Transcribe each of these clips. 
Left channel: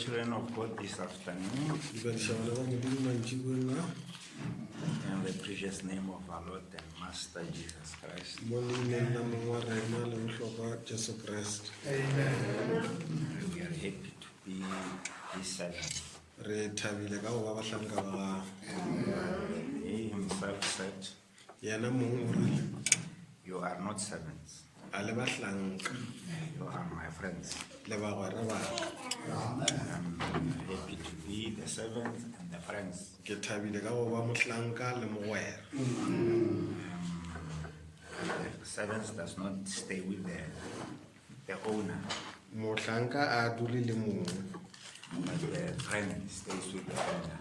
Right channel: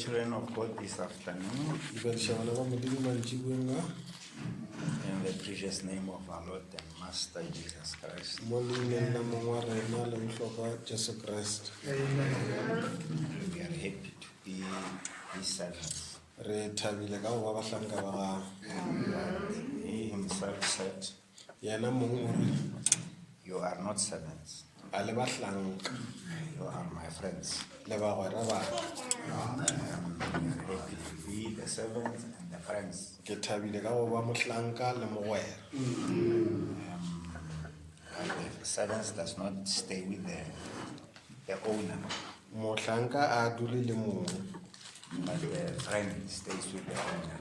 children of God this afternoon, in the precious name of our Lord and Master Jesus Christ. We are happy to be His servants. He himself said, you are not servants, you are my friends. I'm happy to be the servants and the friends. And the servants does not stay with the owner, but the friend stays with the owner.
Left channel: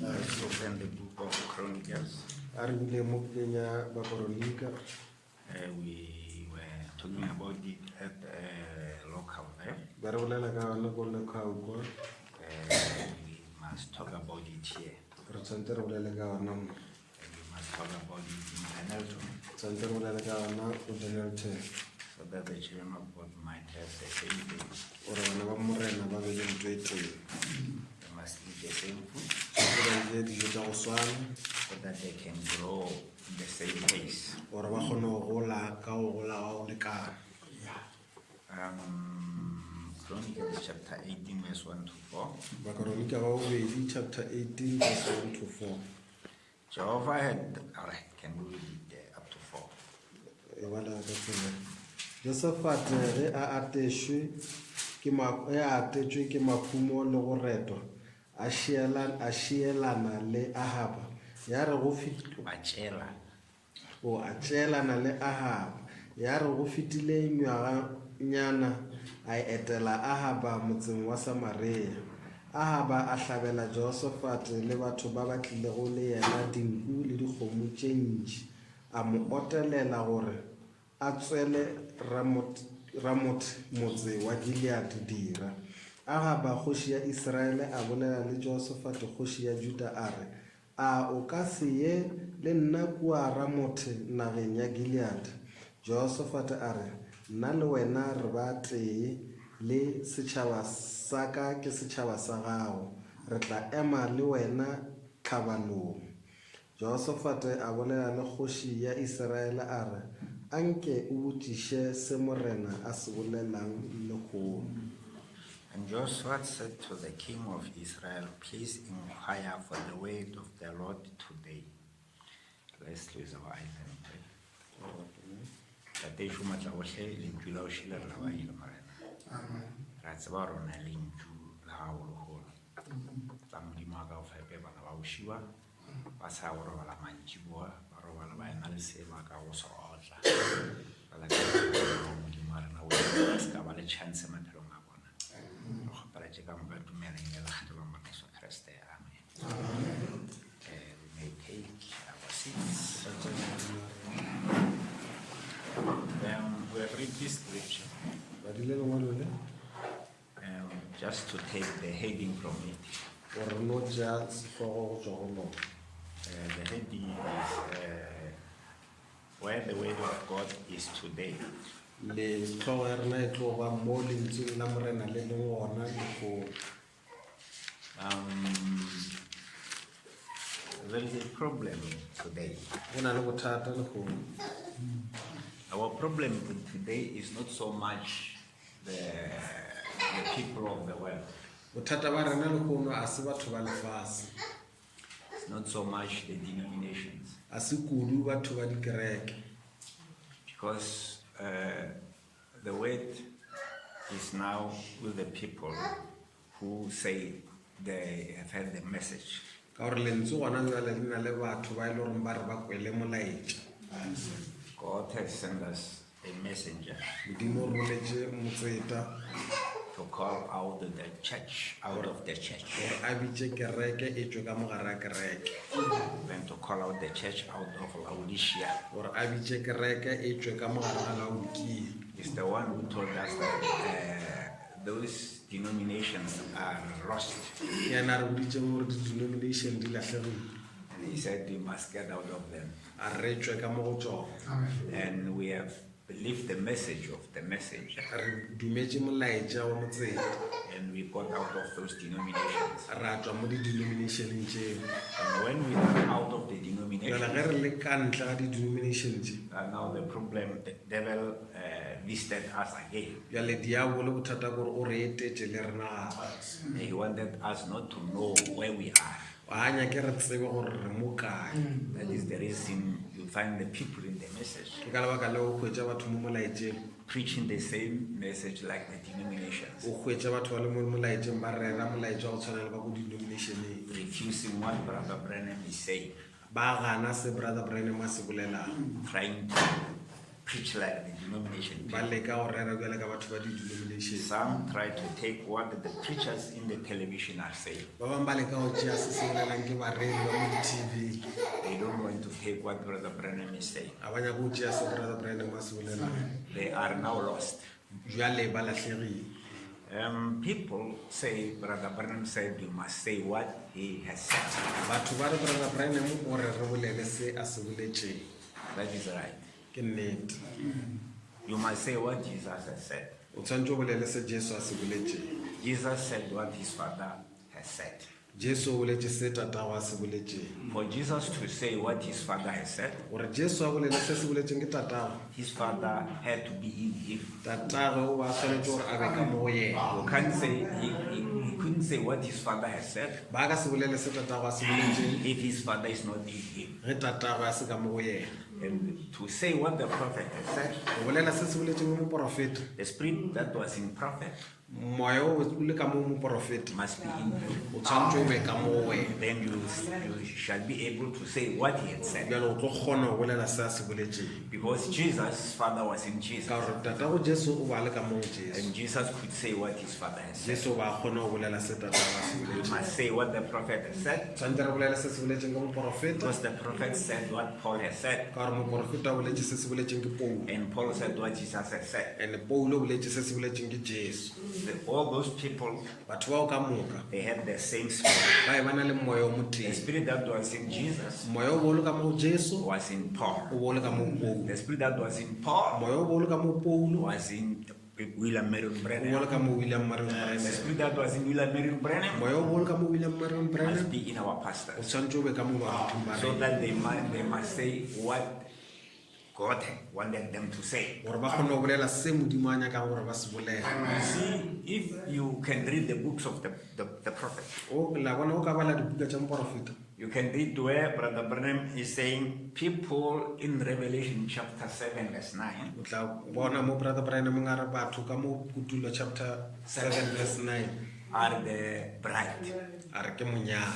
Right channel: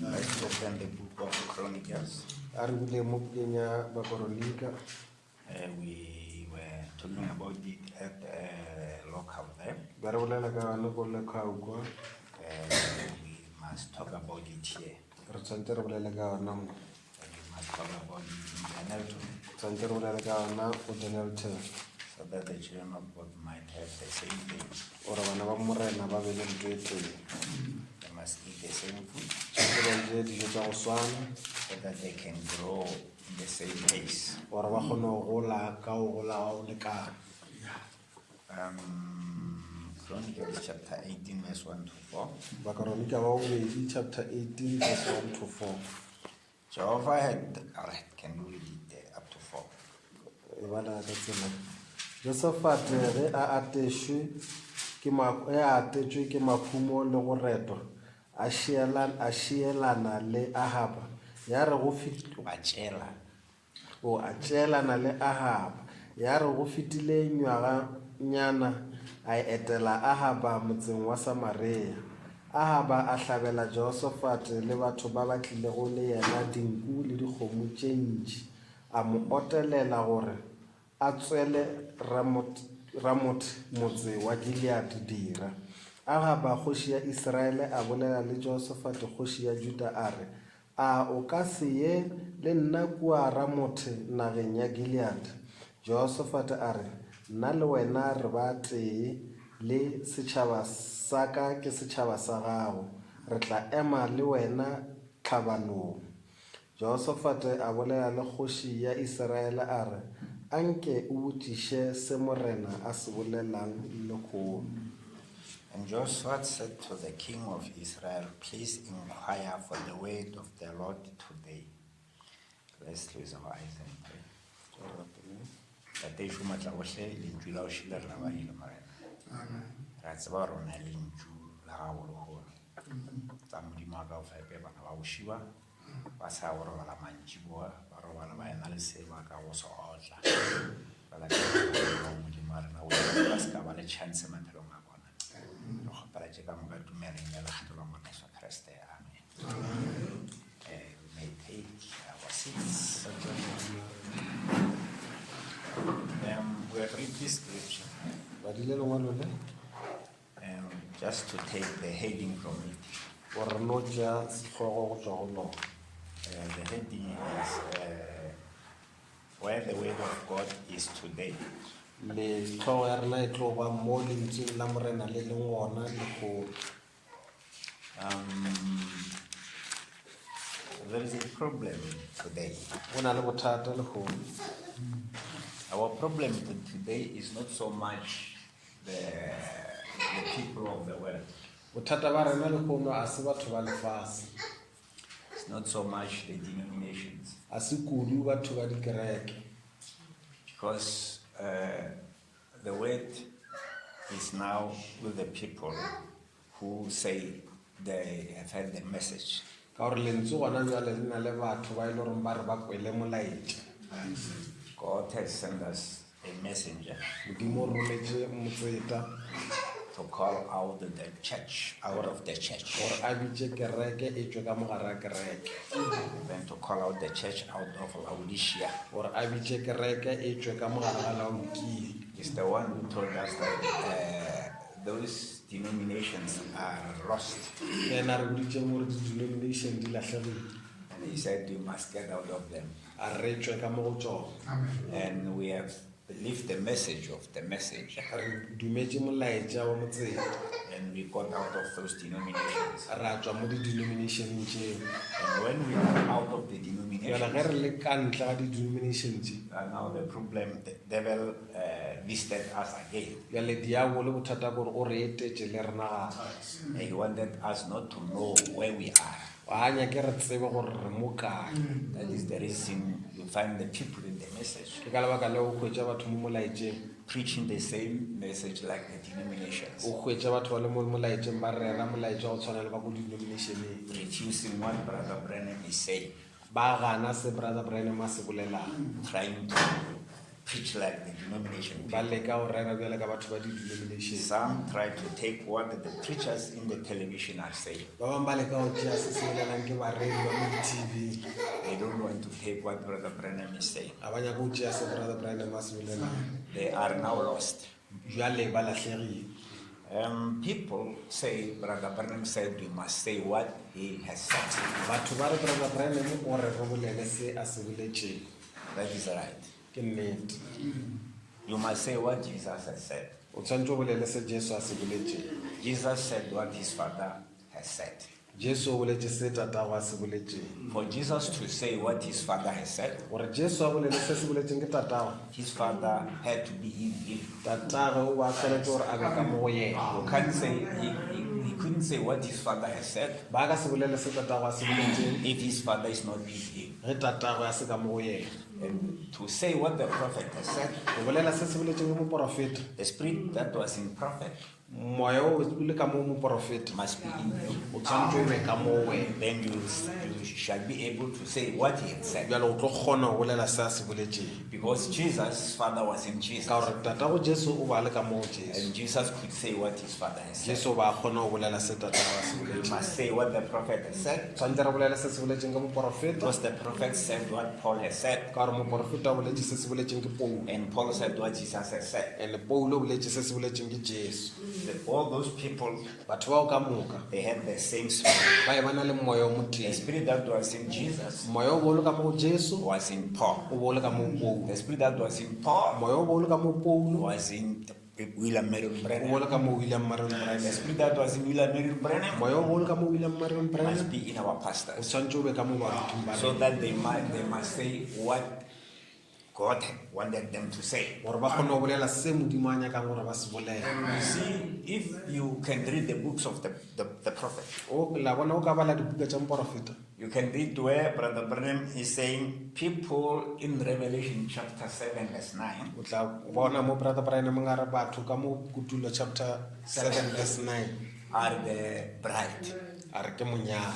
Let's open the book of Chronicles. We were talking about it at local there. We must talk about it here. And we must talk about it in Tabernacle, so that the children of God might have the same thing. They must eat the same food, so that they can grow in the same pace. Chronicles chapter 18 verse 1 to 4. Jehovah had, alright, can you read it there up to 4? Josephat ge a atešwe ke makhumo le go retwa a šielana le Ahaba ya re go tšeelana le Ahaba ya re go fetile ngwaga nyana a etela Ahaba motseng wa Samaria. Ahaba a hlabela Josephat le batho ba ba tlilego le yena dinku le dikgomo tše ntši, a mo otelela gore a tswele Ramot motse wa Gilead dira. Ahaba kgoši ya Israele a bolela le Josephat kgoši ya Juda a re, a o ka se ye le nna kua Ramote nageng ya Gilead? Josephat a re, nna le wena re ba tee, le setšhaba sa ka ke setšhaba sa gago, re tla ema le wena tlhabanong. Josephat a bolela le kgoši ya Israele a re, anke o botšiše se morena a se bolelang lekgono. And Joshua said to the king of Israel, please inquire for the word of the Lord today. Let's close our eyes and pray. We may take our seats. We'll read this scripture just to take the heading from it. The heading is where the word of God is today. There is a problem today. Our problem today is not so much the people of the world. It's not so much the denominations. Because the word is now with the people who say they have heard the message. God has sent us a messenger to call out the church out of the church. Then to call out the church out of Laodicea. It's the one who told us that those denominations are lost. And he said we must get out of them. And we have believed the message of the message, re dumetše molaetša wa motsela and we got out of those denominations. ra tšwa mo di-denominationeng tšeo. And when we are out of the denomination, Jwale ge re le ka ntle ga di-denomination tše, now the problem, the devil visited us again. jale diabolo bothata gore o re etetše le rena gape. He wanted us not to know where we are. Wa nyake re tsebe gore re mo kae. That is the reason you find the people in the message Ke ka lebaka le o hwetša batho mo molaetšeng, preaching the same message like the denominations, o hwetša batho ba le mo molaetšeng ba rera molaetša go tshwana le ba ko denominationeng, refusing what Brother Brennan is saying, ba gana se brother Branham a se bolelang, trying to preach like the denomination ba people. leka go rera bjale ka batho ba di-denomination. Some try to take what the preachers in the television are saying. Ba bangwe ba leka go tšea se se bolelang ke bareki ba mo di-TV, They don't want to take what Brother Brennan is saying. ga ba nyaka go tšea se brother Branham a se bolelang, They are now lost. bjale ba latlhegile. People say Brother Brennan said we must say what he has said. Batho ba re brother Branham o re re bolele se a se boletšeng, That is right. ke nnete. You must say what Jesus has said. O tshwanetse o bolele se Jesu a se boletšeng. Jesus said what his Father has said. Jesu o boletše se tatago a se boletšeng. For Jesus to say what his Father has said, Gore Jesu a bolele se se boletšeng ke tatago, his Father had to be in him. tatagwe o ba tshwanetse gore a be ka mo go yena. You can't say he couldn't say what his Father has said Ba ka se bolele se tatago a se boletšeng if his Father is not in him. ge tatagwe a se ka mo go yena. And to say what the prophet has said, Go bolela se se boletšeng mo moprofeta, the spirit that was in prophet moya o le ka mo moprofeta must be in you. o tshwanetse o be ka mo go wena. Then you shall be able to say what he had said. Bjale o tlo kgona go bolela se a se boletšeng, Because Jesus' Father was in Jesus. ka gore tatago Jesu o ba le ka mo go Jesu. And Jesus could say what his Father has said. Jesu ba kgona go bolela se tatago a se We boletšeng. must say what the prophet has said. Tshwanetse re bolele se se boletšeng ke moprofeta, Because the prophet said what Paul has said. ka gore moprofeta o boletše se se boletšeng ke Paulo, And Paul said what Jesus has said. and Paulo o boletše se se boletšeng ke Jesu. All those people, Batho bao ka moka they had the same spirit. ba e ba na le moya o The moteng. spirit that was in Jesus Moya o bolo ka mo go Jesu was in Paul. o bolo ka mo go Paulo. The spirit that was in Paul Moya o bolo ka mo Paulo was in William Marion o Branham. bolo ka mo William Marion The Branham. spirit that was in William Marion Branham Moya o bolo ka mo William Marion must Branham be in our o pastors, tshwanetse o be ka mo bathong ba so rena, that they must say what God wanted them to say. gore ba kgone go bolela se Modimo a nyakang gore ba se bolele. You see, if you can read the books of the prophet, O la bona o ka bala dibuka tša moprofeta, you can read where Brother Branham is saying people in Revelation chapter 7 verse 9 o tla bona mo brother Branham a re batho ka mo Kutulo chapter 7 verse 9 are the bride, a re ke monyalo,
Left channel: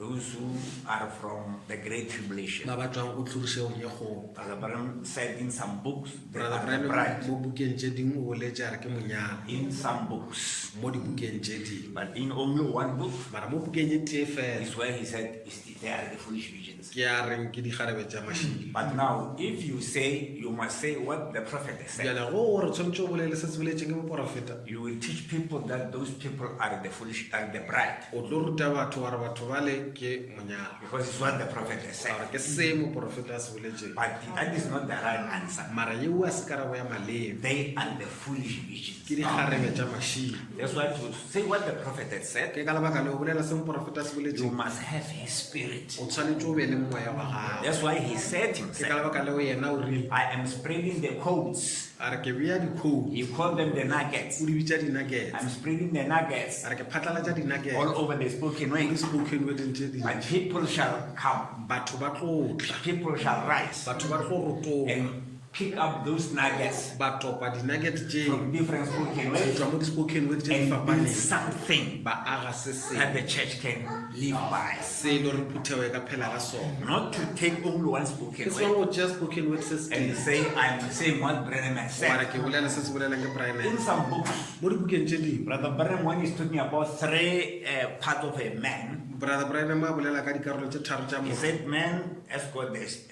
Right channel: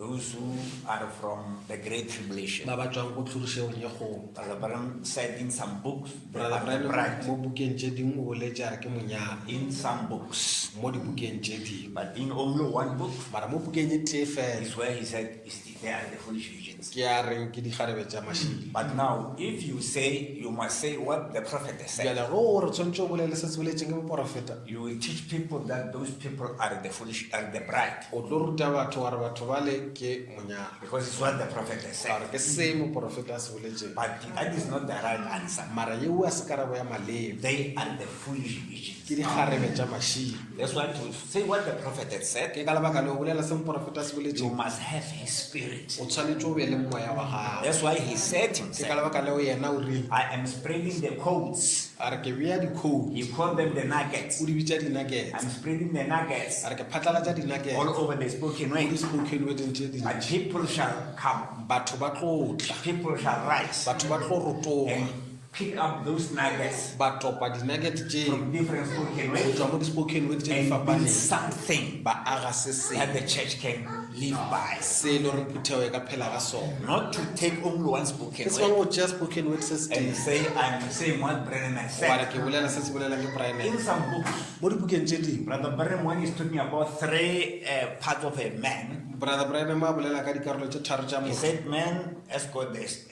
those who are from the great tribulation. ba ba tswang go tlhorišegong ye kgolo. Brother Branham said in some books they Brother are the Branham bride, mo bukeng tše dingwe o boletše a re ke monyalo in some books, mo dibukeng tše dingwe, but in only one book mara mo bukeng ye tee fela is where he said they are the foolish virgins. ke a reng ke dikgarebe tša mašili. But now, if you say, you must say what the prophet has said. Bjale go gore tshwanetse o bolele se se boletšeng ke moprofeta, You will teach people that those people are the foolish, are the bride, o tlo ruta batho gore batho bale ke monyalo, because it's what the prophet has said. gore ke se moprofeta a se boletšeng. But that is not the right answer. Mara yeo a se karabo ya malebe They are the foolish ke virgins. dikgarebe tša mašili. That's why to say what the prophet has said, Ke ka lebaka le o bolela se moprofeta a se you boletšeng, must have his spirit. o tshwanetse o be le moya wa gago. That's why he said Ke ka himself, lebaka leo yena o rile I am spreading the codes. a re ke bea dikhoutu He called them the nuggets. o di bitša dinagets, I'm spreading the nuggets a re ke phatlalatša dinagets all over the spoken mo word. di-spoken wording tše But dintši. people shall come, Batho ba tlo tla, people shall rise batho ba tlo rotoga, and pick up those nuggets ba topa dinagets tše from different spoken go words tšwa mo di-spoken word tše di and build fapaneng, something ba aga se that sengwe the church can live by. se e le gore phuthego e ka phela ka sona. Not to take only one spoken Ke se word go tšea spoken word se se and tee say, I'm saying what Branham has gore said. ke bolela se se bolelang ke Brian. In some books, Mo dibukeng tše dingwe Brother Branham, when he's talking about three parts of a man, brother Brian a bolela ka dikarolo tše tharo tša he motho, said man has got this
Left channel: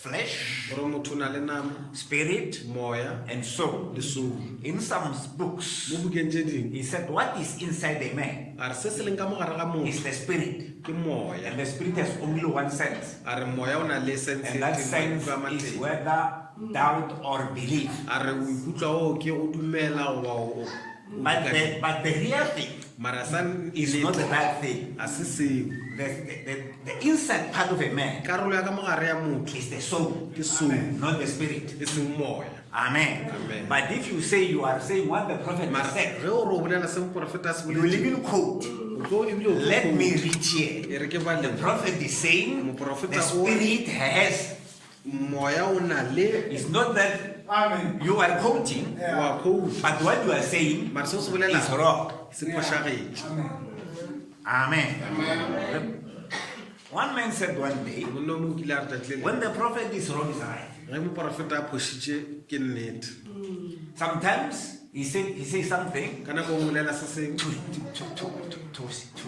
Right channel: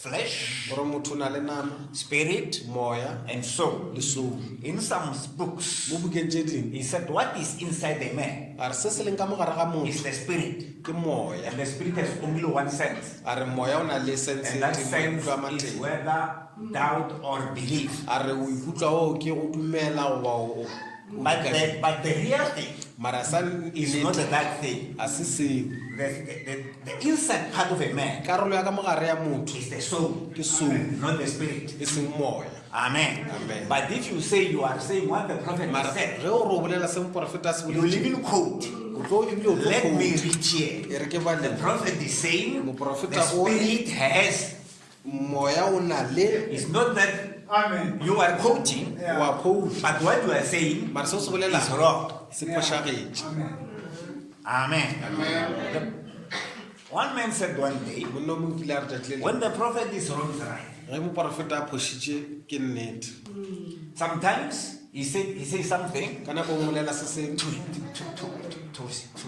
flesh, gore motho o na le nama, spirit, moya and soul. le soul. In some books, Mo bukeng tše dingwe he said what is inside a man a re se se leng ka mogare ga motho is the spirit. ke moya, And the spirit has only one sense. a re moya o na le sense And that e tee, sense maikutlo a is mateng. whether doubt or belief. a re o ikutlwa o ke go dumela goba o But the real thing mara sa is not that thing. a se seo The inside part of a man karolo ya ka mogare ya motho is the soul, ke soul not the spirit. e seng moya. Amen. Amen. But if you say you are saying what the prophet has Mara said, ge o re o bolela se moprofeta se you will even quote. o tlo ebile o tlo Let quote. me read here. E re ke bale The prophet is saying Moprofeta the o- spirit has. moya o na le It's not that you are quoting, wa quote but what you are saying mara se o se is bolelang wrong. se phošagetse. Amen. One man said one day, monna o mongwe kile a re tšatši le lengwe, when the prophet is wrong, is right. ge moprofeta a phošitše ke nnete Sometimes he says something ka nako o molela se seng to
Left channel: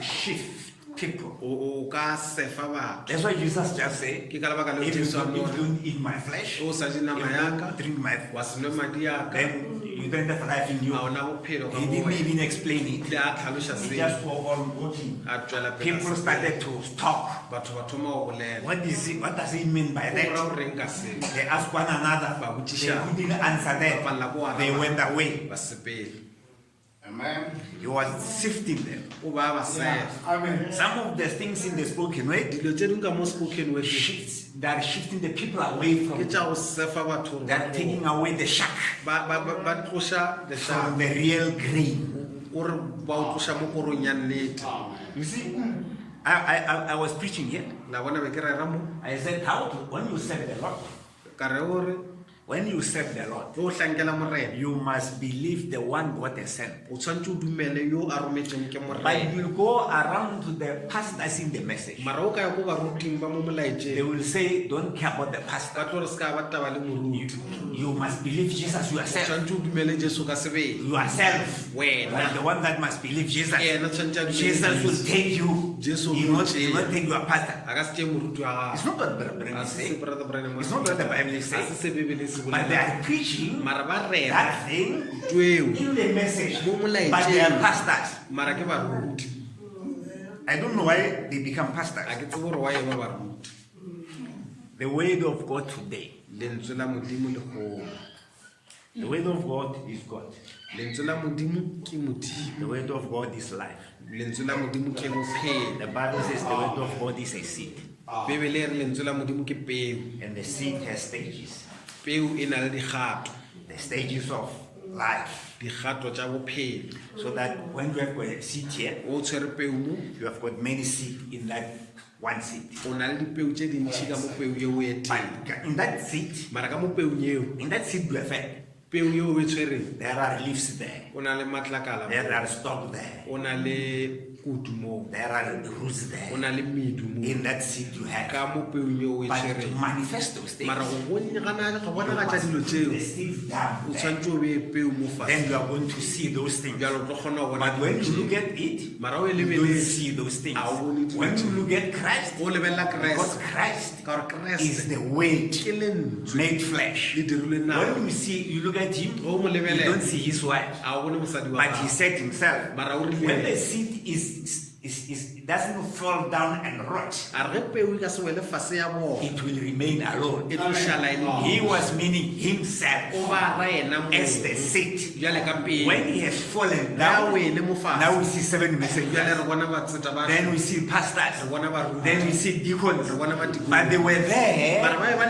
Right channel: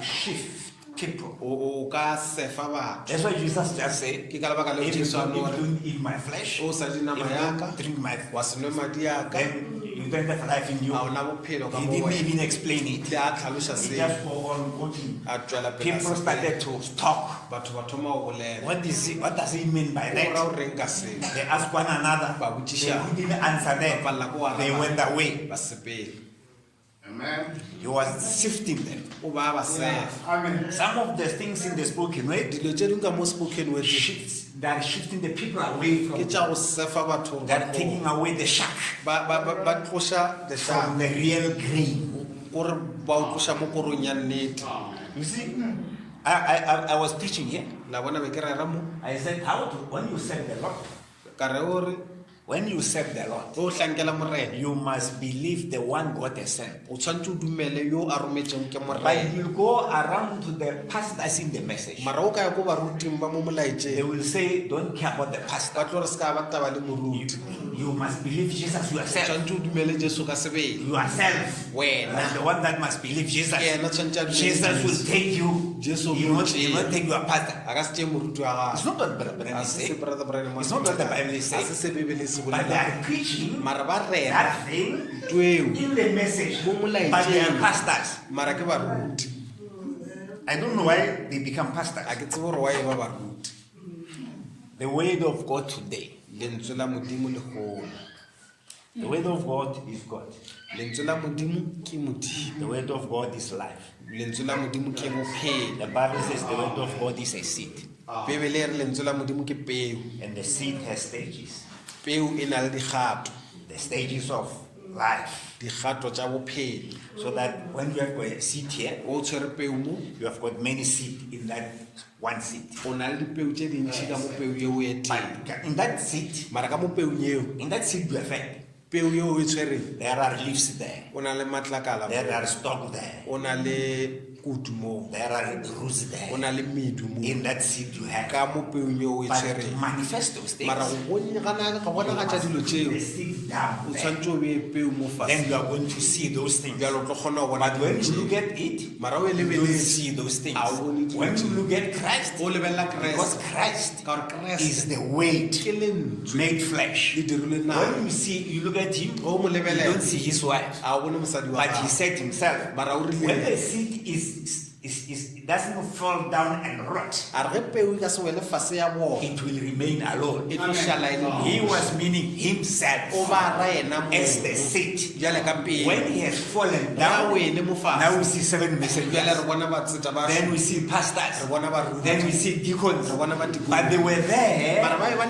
shift people. o ka sefa batho. That's why Jesus just said, Ke ka lebaka leo if you Jesu a don't, no if you re, don't eat my flesh, o sa je if nama you ya ka don't drink my wa se nwe madi ya ka then you don't have life in you. ga ona bophelo ka He mo didn't wena. even explain it. Ile a tlhaloša He seo just go on walking. a tšwela pele a People se- started to talk. batho ba thoma go bolela What does he mean by o ra that? o reng ka seo They asked one another. Ba They botšiša didn't answer them. ba lla bo araba. They went away. ba sepele He was sifting them. o ba ba sefa Some of the things in the spoken word, dilo tše dingwe ka mo spoken word they are shifting the people away ke from. tša go sefa batho gore They are taking away the shock ba tloša the from sharp the real grain. gore ba o tloša mo korong ya nnete. You see, I was preaching here. la bona be ke rera mo I said, when you serve the Lord, ka re ore when you serve the Lord, o hlankela morena you must believe the one God has sent. o tshwanetse o dumele yo a rometseng ke But morena. you will go around to the pastors in the message. mara o ka ya ko baruting ba mo They molaetseng will say, don't care about the ba pastor. tlo re se ka ba taba le moruti You must believe Jesus yourself. tshwanetse o dumele jesu ka sebele Yourself. wena Like the one that must believe Jesus. ke ena tshwanetse a dumele Jesus will Jesu. take you. Jesu He will will take not take your pastor. a ka se tšee moruti wa It's gago not what the Bible A is se saying. Brother Branham a It's not what the Bible is a se saying. se Bebele se But they bolelang. are preaching mara ba rera that thing tueo in the message. mo But they are molaetseng pastors. mara ke baruti I don't know why they become pastors. a ke tsebe gore wa e ba baruti. The word of God today. lentswe la modimo le golo The word of God is God. lentswe la modimo ke modimo The word of God is life. lentswe la modimo ke bophelo. The Bible says the word of God is a seed. Bebele e re lentswe la modimo ke peo. And the seed has stages. Peo e na le digato The stages of life. digato tša bophelo. So that when you have got a seed here, O tshwere peo mo you have got many seed in that one seed. o na le dipeo tše dintši ka mo peo yeo e But teng in that seed, mara ka mo peong eo in that seed you have fed, peo yeo e tshwereng there are leaves there. o na le matlakala There mo are stalk there. o na le kutu mo There are roots o there. na le medu mo In that seed you have. ka mo peong yeo e But to tshwereng manifest those things, mara go gana ka bona ga you tša dilo must tšeo put the seed down o there. tshwanetse o bee peo mo Then fase you are going to see those things. bjalo o tlo kgona go bona But when you dilo look tšeo. at it, mara o e you don't lebeletse see those things. a o bone dilo When you tšeo. look at Christ, o lebelela because kreste Christ ka gore is kreste the weight ke lentswe made flesh. le dirilwe nama When you look at him, o mo you lebelela don't see his wife. a o bone mosadi wa But he gago. said himself, mara o when rile the seed it doesn't fall down and rot, a re ge peo e ka se wele fase ya bona it will remain alone. e tlo šala e le He nosi. was meaning o himself ba ra ena as the mo seed. bjale ka peo When he has fallen ya down, wele mo fase now we see 7 bjale messengers. re bona batseta ba Then we see re pastors. bona baruti Then we see deacons. re bona But badikong they were there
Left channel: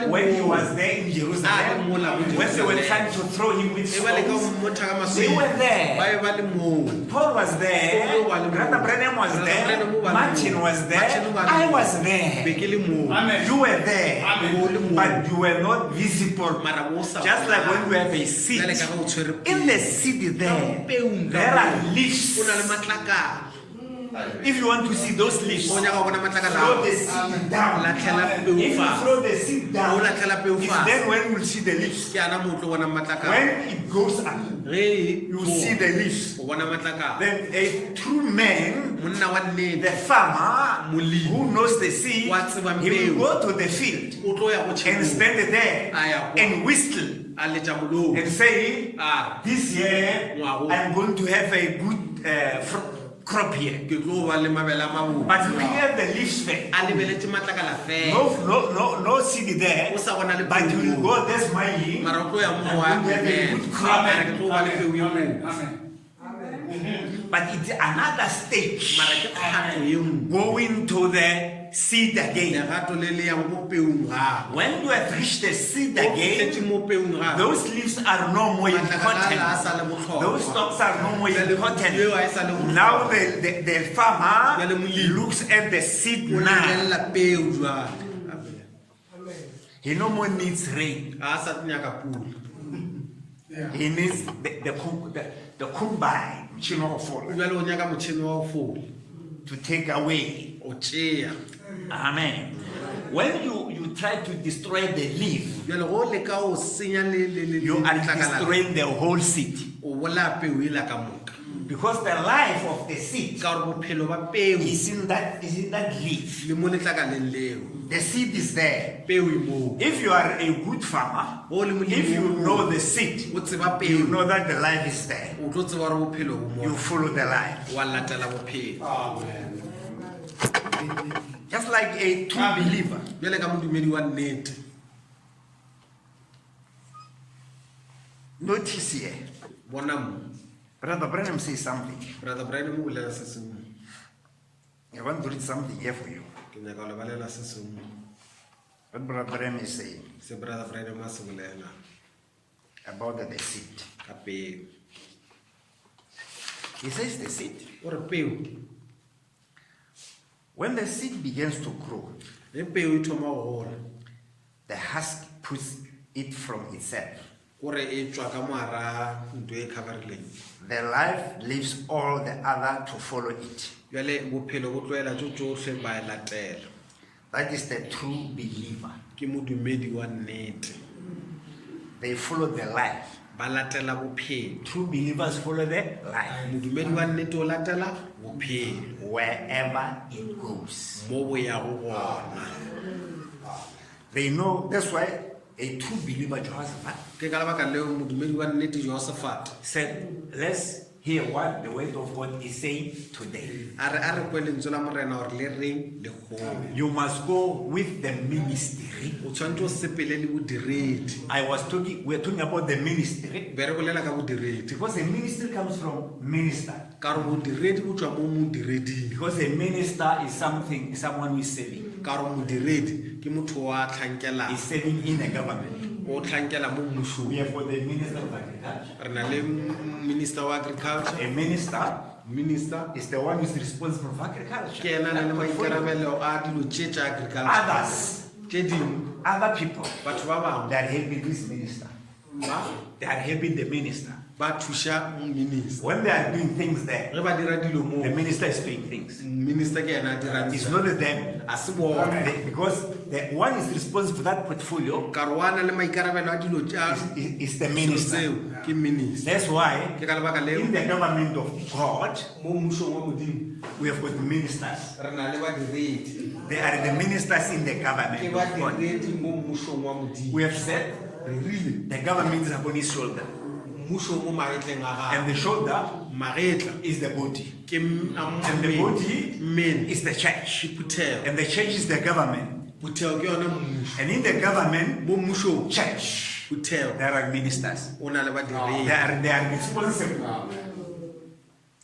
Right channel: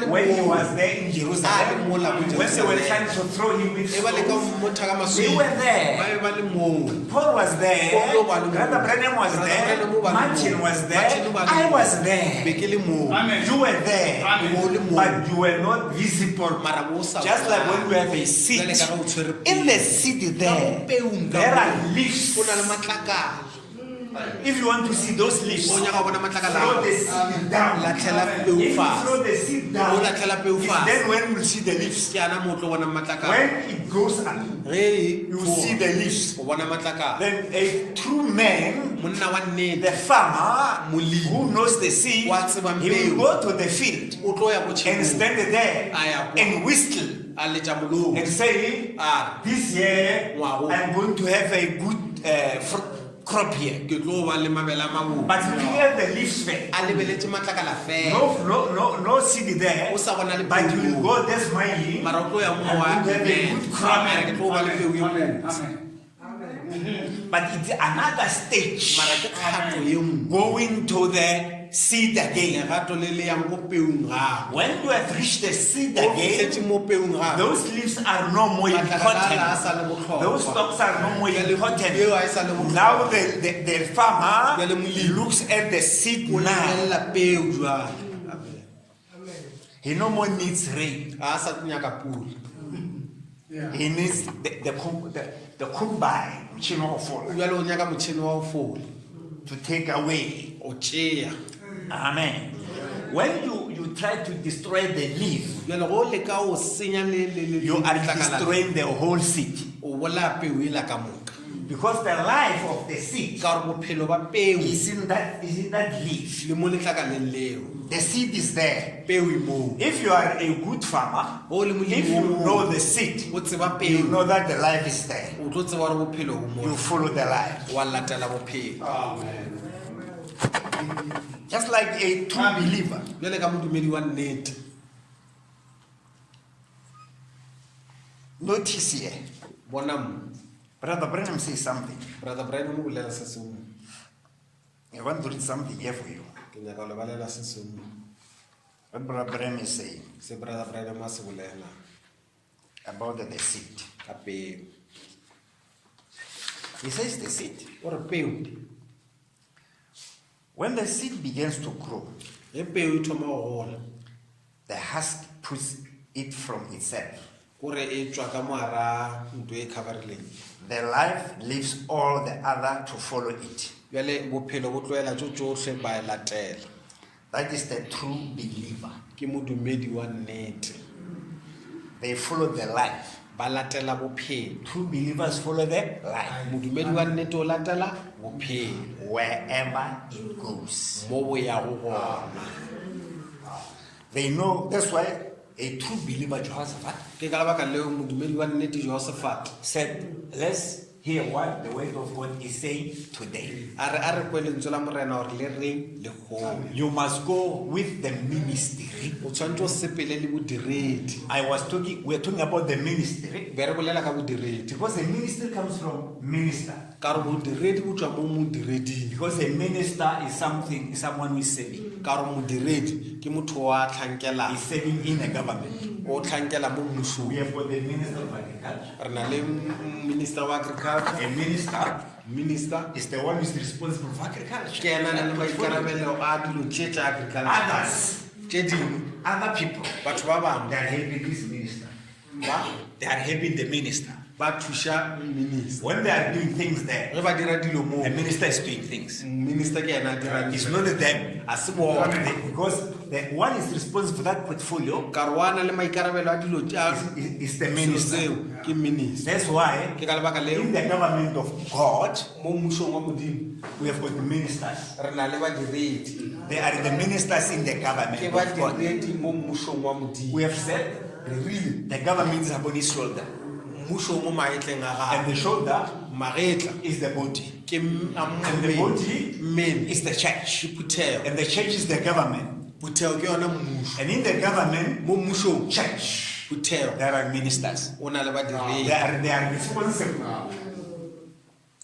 when he was there in Ah, Jerusalem. mola mo When they were Jerusalem. trying to throw him with e ba le ka stones. mmotha ka They masweu were there. ba be ba le moo Paul was there. Paul was there. Brother Branham was Brother there. Branham was Martin there. was there. Martin was I there. was be there. ke le moo You were there. o le moo But you were not visible. mara mo sa Just like when we have a seed. bjale ka ge o tshwere In the peo seed ka mo there, peong ka there are moo, leaves. o na le matlakala If you want to see those leaves, o nyaka go bona matlakala throw ao. the seed down. latlhela peo If you fatshe throw the seed o down, latlhela peo it's fatshe then when we'll see the leaves. ke ana mo o tlo bona matlakala When it goes up, ge you see the leaves. o bona matlakala Then a true man, monna wa nnete the farmer Molemi. who knows the seed, Wa tseba he will peo. go to the field o tlo ya go and tšhemong stand there a ya kwa and whistle a letša molomo and say, a this year Ngwago. I'm going to have a good crop here. ke tlo ba le mabele a mabotse But looking at the leaves there, a lebeletse matlakala fela no seed there. o sa bona le But you will peo. go there smiling. mara o tlo ya mo wa And you have a good crop. ke tlo ba le peo e botse But it's another stage mara ke kgato e nngwe going to the seed again. lerato le le yang go peong gago When you have reached the seed o again, fitlhetse mo peong gago those leaves are no more matlakala a sa important. le botlhokwa Those stalks are no more Jwale important. peo a e sa le botlhokwa. Now the farmer Jwale molemi looks at the seed o now. lebelela peo jwale He no more needs rain. a sa nyaka pula He needs the combine jwale o nyaka motšhini wa go fola to take away. o tšea Amen. When you try to destroy the leaf, jwale go leka o senya you are destroying the whole seed. o bolaya peo e la ka moka Because the life of the seed ka gore bophelo ba peo is in that leaf. le mo letlakaleng leo The seed is there. peo e moo If you are a good farmer, o le molemi if you o know the seed, o tseba you peo know that the life is there. o tlo tseba gore bophelo bo You mo follow the life. wa latela bophelo Just like a true believer. jwale ka modumedi wa nnete Notice here. bona mo Brother Branham says something. brother Brian mo bolela se sengwe I want to read something here for you. ke nyaka go lebalela se sengwe What Brother Branham is saying se brother Brian mo a se bolela about the seed. ka peo He says the seed. o re peo When the seed begins to grow, ge peo e thoma go gola the husk puts it from itself. gore e tswa ka moara ntho e coverileng The life leaves all the other to follow it. jwale bophelo bo tloela tso tsotlhe ba e latela That is the true believer. ke modumedi wa nnete They follow the life. ba latela bophelo True believers follow the life modumedi wa nnete o latela bophelo wherever it goes. mo bo ya go gona They know, that's why a true believer, Jehoshaphat, ke ka lebaka leo modumedi wa nnete josephat said, let's hear what the word of God is saying today. a re kwe lentswe la morena gore le reng le gole You must go with the ministry. o tshwanetse o sepele le bodiredi We're talking about the ministry be re bolela ka bodiredi because the ministry comes from minister. ka gore bodiredi bo tswa mo modireding Because a minister is someone who is serving. ka gore modiredi ke motho wa tlhankelang Is serving in a government. o tlhankela mo We mmusong have got the minister of agriculture. re na le minister wa agriculture A minister minister is the one who is responsible for agriculture. ke ena na le That portfolio. maikarabelo a dilo tše tša agriculture Others, tše dingwe other people, batho ba bangwe they are helping this minister. They are helping the minister. ba thuša minister When they are doing things there, ge ba dira dilo moo the minister is doing things. minister ke ena a dirang It's not them. a se bona Because the one is responsible for that portfolio ka re wa na le maikarabelo a dilo is the minister. tseo ke minister That's why ke ka lebaka leo in the government of God, mo mmusong wa modimo we have got ministers. re na le badiredi They are the ministers in the ke government of God. badiredi mo mmusong wa modimo We have said re rile the government is upon his shoulder. mmuso mo maetleng a And gago the shoulder magetla is the body. ke And the body mmele is the church. phuthego And the church is the government. phuthego ke yona mmuso And in the government, mo mmusong church, phuthego there are ministers. o na le badiredi They are responsible.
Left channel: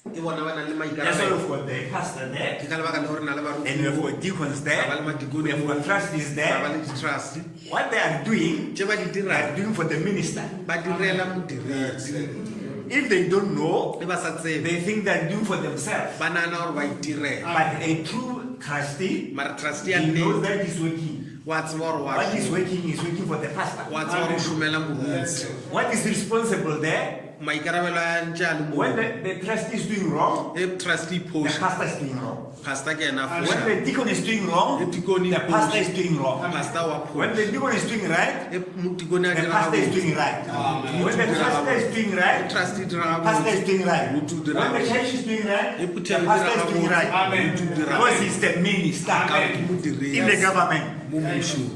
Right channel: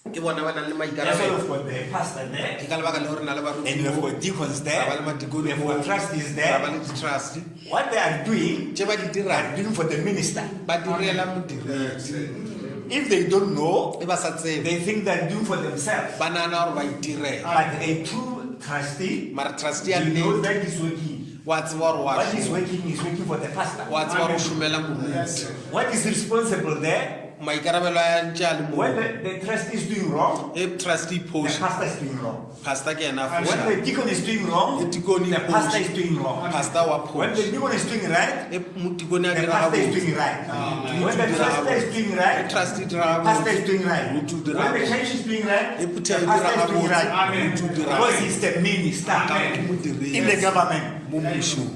ke bona ba na le That's why maikarabelo we've got the pastor there. ke ka lebaka le gore na le And we have got deacons there. We have got trustees ba there. le di-trust What they are doing, tše ba di they dirang are doing for the minister. ba direla modiredi If they don't know, e ba sa tsebe they think they are doing for themselves. ba nana gore ba itirela But a true trustee, mara trustee ya he knows nnete that he's working. wa tseba gore What he's working for the pastor. wa tseba gore o šomela moruntsi What is responsible there? maikarabelo a ntše a le mo When the trustee is doing wrong, e trustee the post pastor is doing wrong. pastor ke ena a When foša the deacon is doing wrong, The deacon the is pastor push. is doing wrong. pastor wa When the post deacon is doing right, e motikone a the dira pastor is gabotse. doing right. When the pastor is doing right, trustee dira the pastor is doing right. Mutu dira When the church is doing right, E the phuthego pastor dira is doing right. gabotse. Mutu dira Because he's the minister ke modiredi in the government. mo mmusong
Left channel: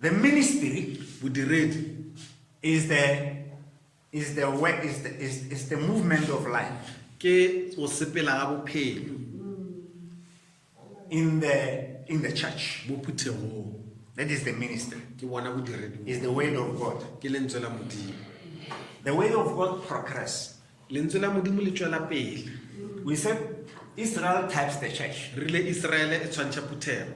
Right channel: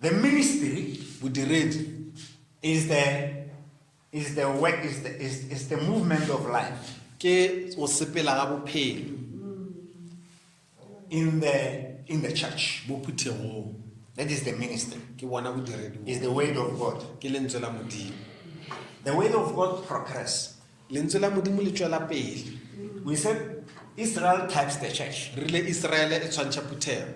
The ministry bodiredi is is the way, is the movement of life ke o sepela ga bophelo in the church. mo phuthegong That is the ministry. ke bona bodiredi Is the word of God. ke lentswe la modimo The word of God progress. lentswe la modimo le tswela pele We said Israel types the church. re le Israele e tshwantsha phuthego